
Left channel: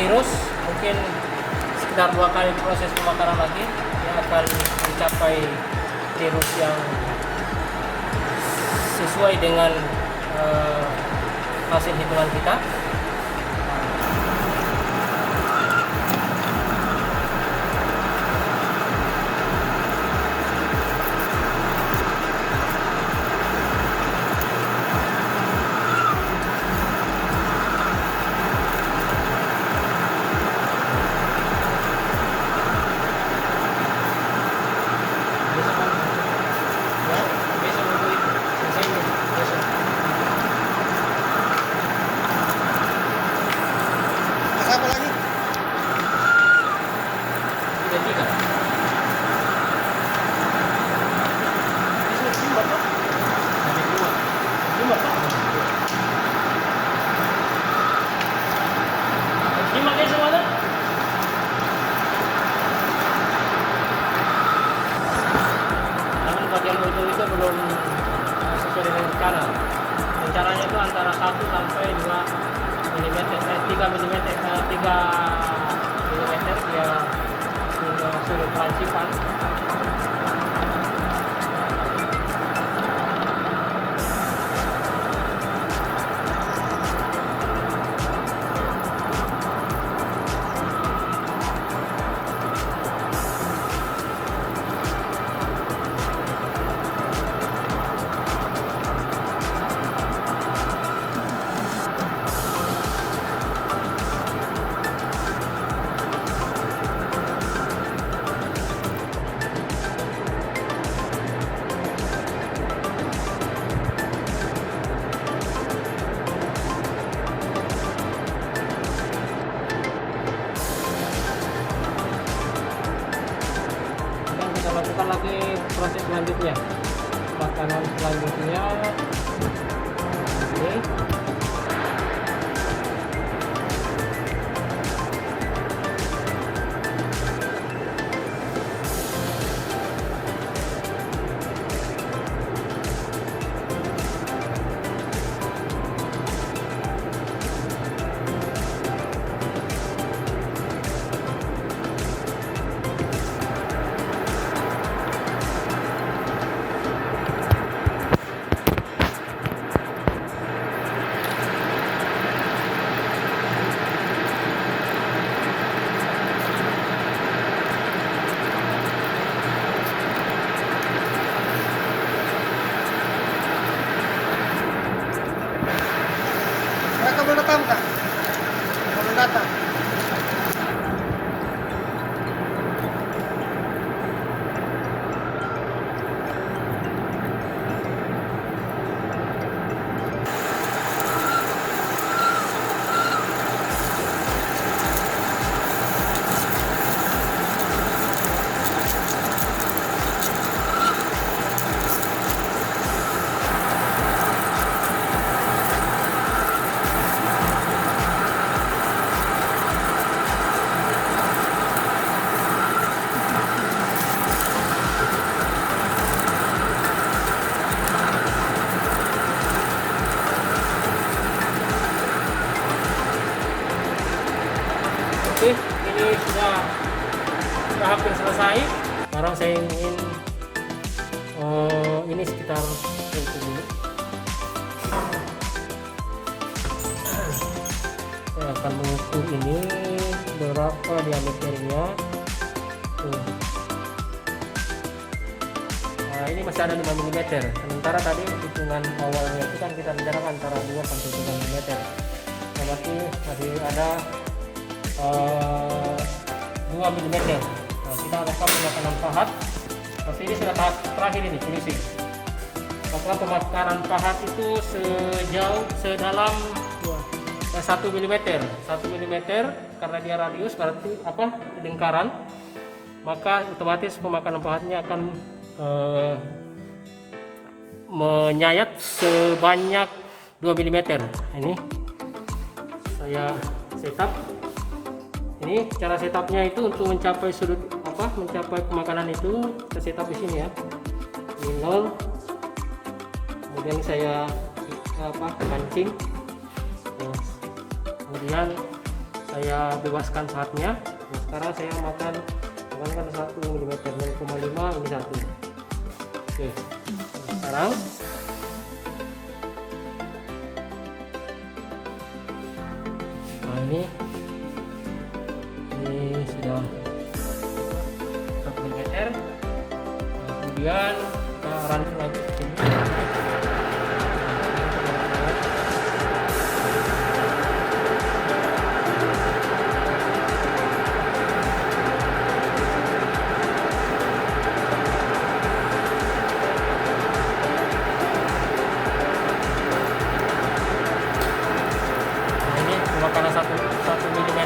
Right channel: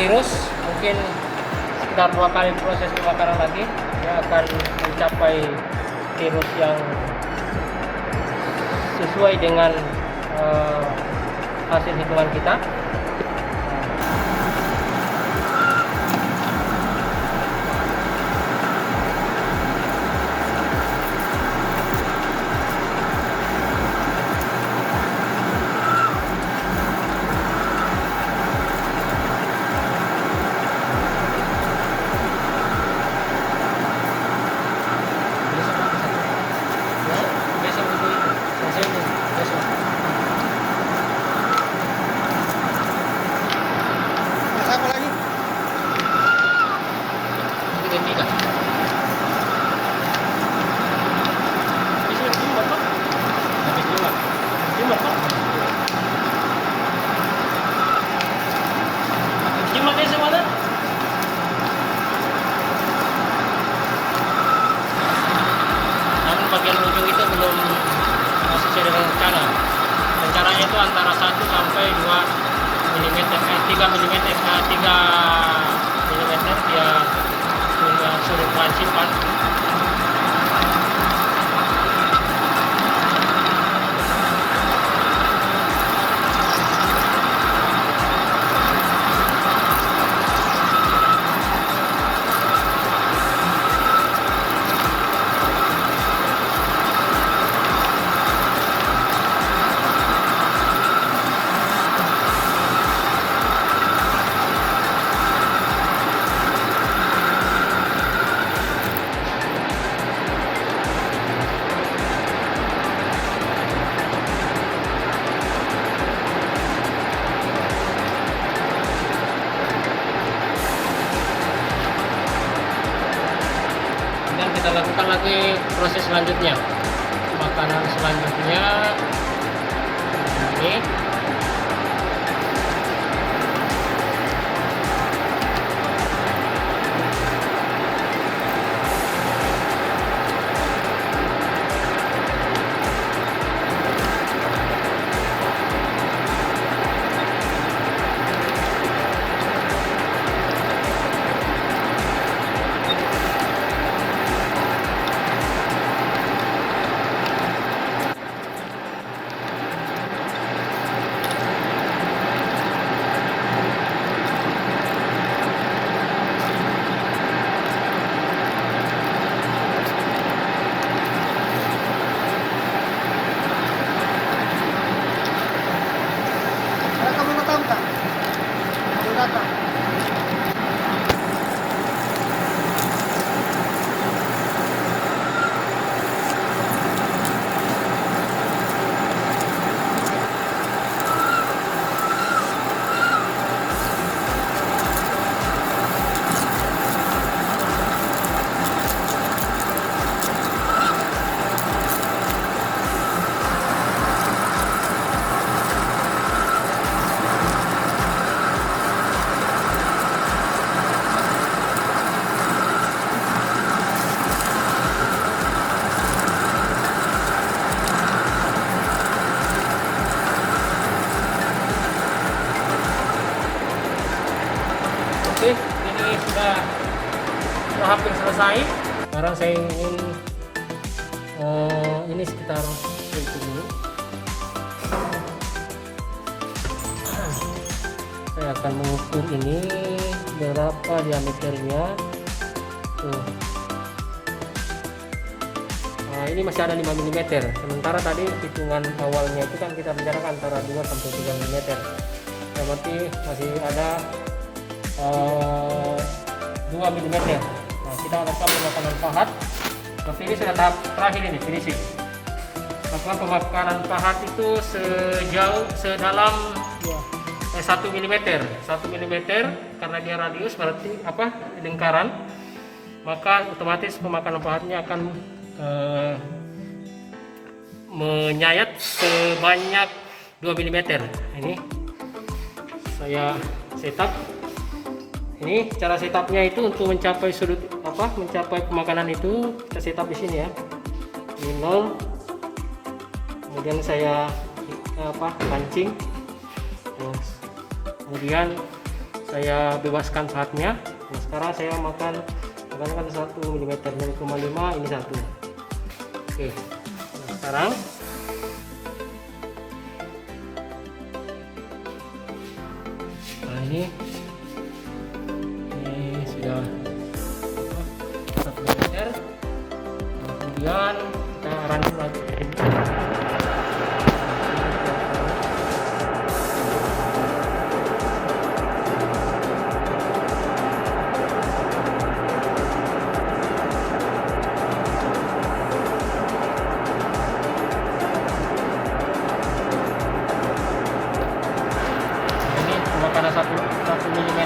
tirus, mungkin sekitar 2 kali proses pemakaran lagi dia akan mencapai tirus yang sesuai dengan hasil hitungan kita. Apa lagi? Tiga. Ini Jumat Pak. Hari Jumat. Jumat Pak. Jumat ya semuanya. Namun bagian ujung itu belum sesuai dengan rencana. Rencananya itu antara 1 sampai 2 mm, 3 mm, 3 mm dia punya sudut transipan. Dan kita lakukan lagi proses selanjutnya, makanan selanjutnya ini. Mereka belum datang tak? Belum datang. Oke, ini sudah hampir selesai. Sekarang saya ingin ini sekitar itu dulu. Saya akan mengukur ini berapa diameternya. Tuh. Nah, ini masih ada 5 mm. Sementara tadi hitungan awalnya itu kan kita bicarakan antara 2 sampai 3 mm. Nah, berarti masih ada 2 mm. Nah, kita lakukan pemakaran pahat. Tapi ini sudah tahap terakhir ini, finishing. Maka pemakaran pahat itu sedalam 1 mm. 1 mm karena dia radius berarti apa? Lingkaran. Maka otomatis pemakaran pahatnya akan menyayat sebanyak 2 mm. Ini saya setup. Ini cara setupnya itu untuk mencapai sudut apa? Mencapai pemakanan itu kita setup di sini ya. Ini 0. Kemudian saya pancing. Kemudian saya bebaskan platnya. Nah, sekarang saya makan 1 mm 0,5, ini 1. Oke, nah, sekarang ini sudah 1 mm. Nah, kemudian kita running lagi ke sini. Pada 1 mm,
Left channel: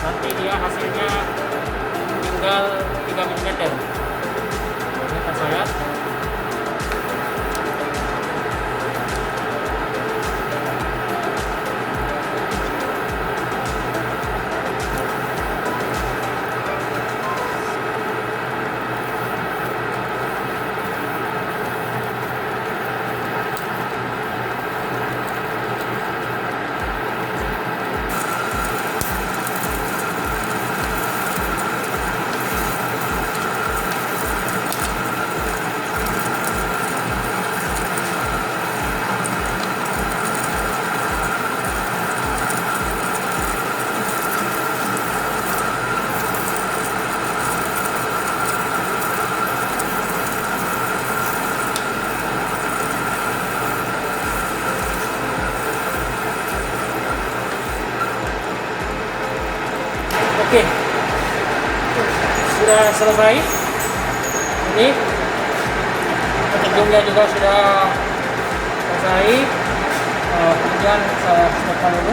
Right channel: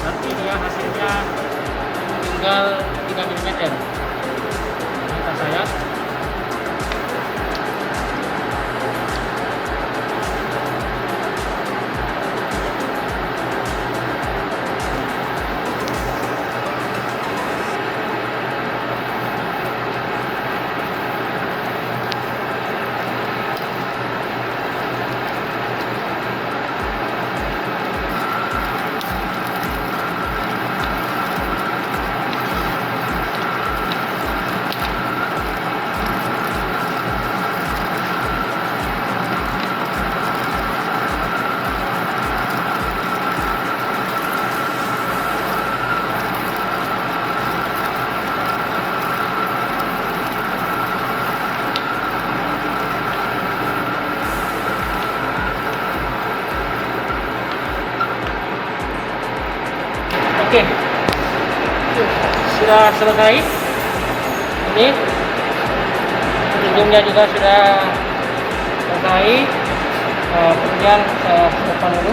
nanti dia hasilnya tinggal 3 mm. Ini tas saya. Oke, sudah selesai. Ini ujungnya juga sudah selesai. Kemudian saya stopkan dulu,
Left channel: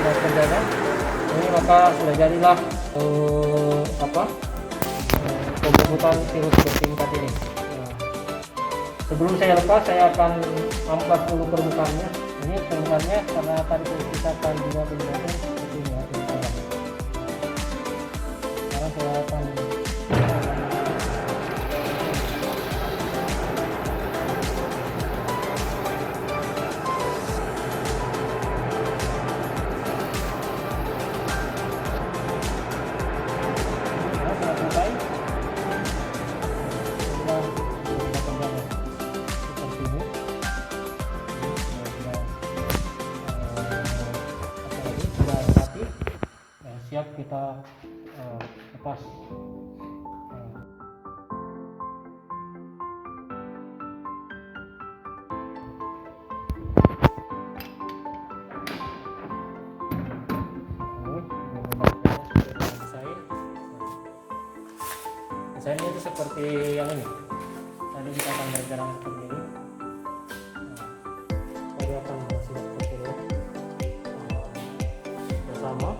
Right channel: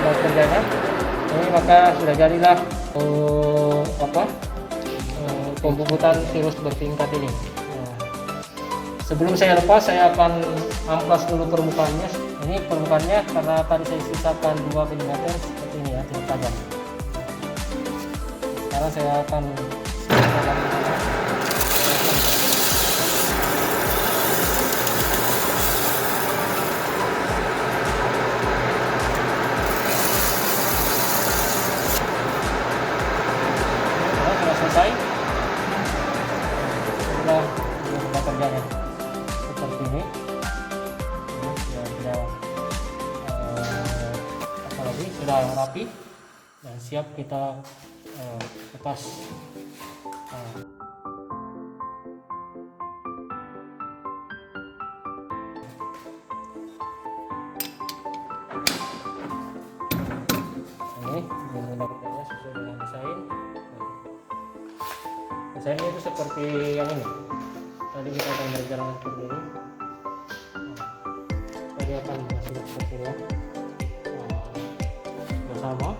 sudah terjaga. Ini maka sudah jadilah pembukutan virus bertingkat ini. Sebelum saya lepas, saya akan amplas dulu permukaannya. Ini permukaannya karena tadi saya sisakan 2 mm seperti ini ya, tidak tajam. Sekarang saya akan sudah selesai. Sudah kerjanya seperti ini. Sudah rapi dan siap kita lepas. Ini sudah desain. Desainnya itu seperti yang ini. Tadi kita akan berjalan seperti ini. Tadi akan sudah seperti ini. Bersama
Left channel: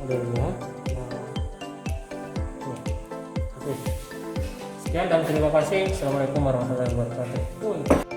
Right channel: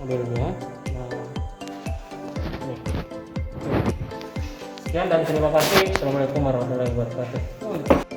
modelnya. Oke. Sekian dan terima kasih. Assalamualaikum warahmatullahi wabarakatuh.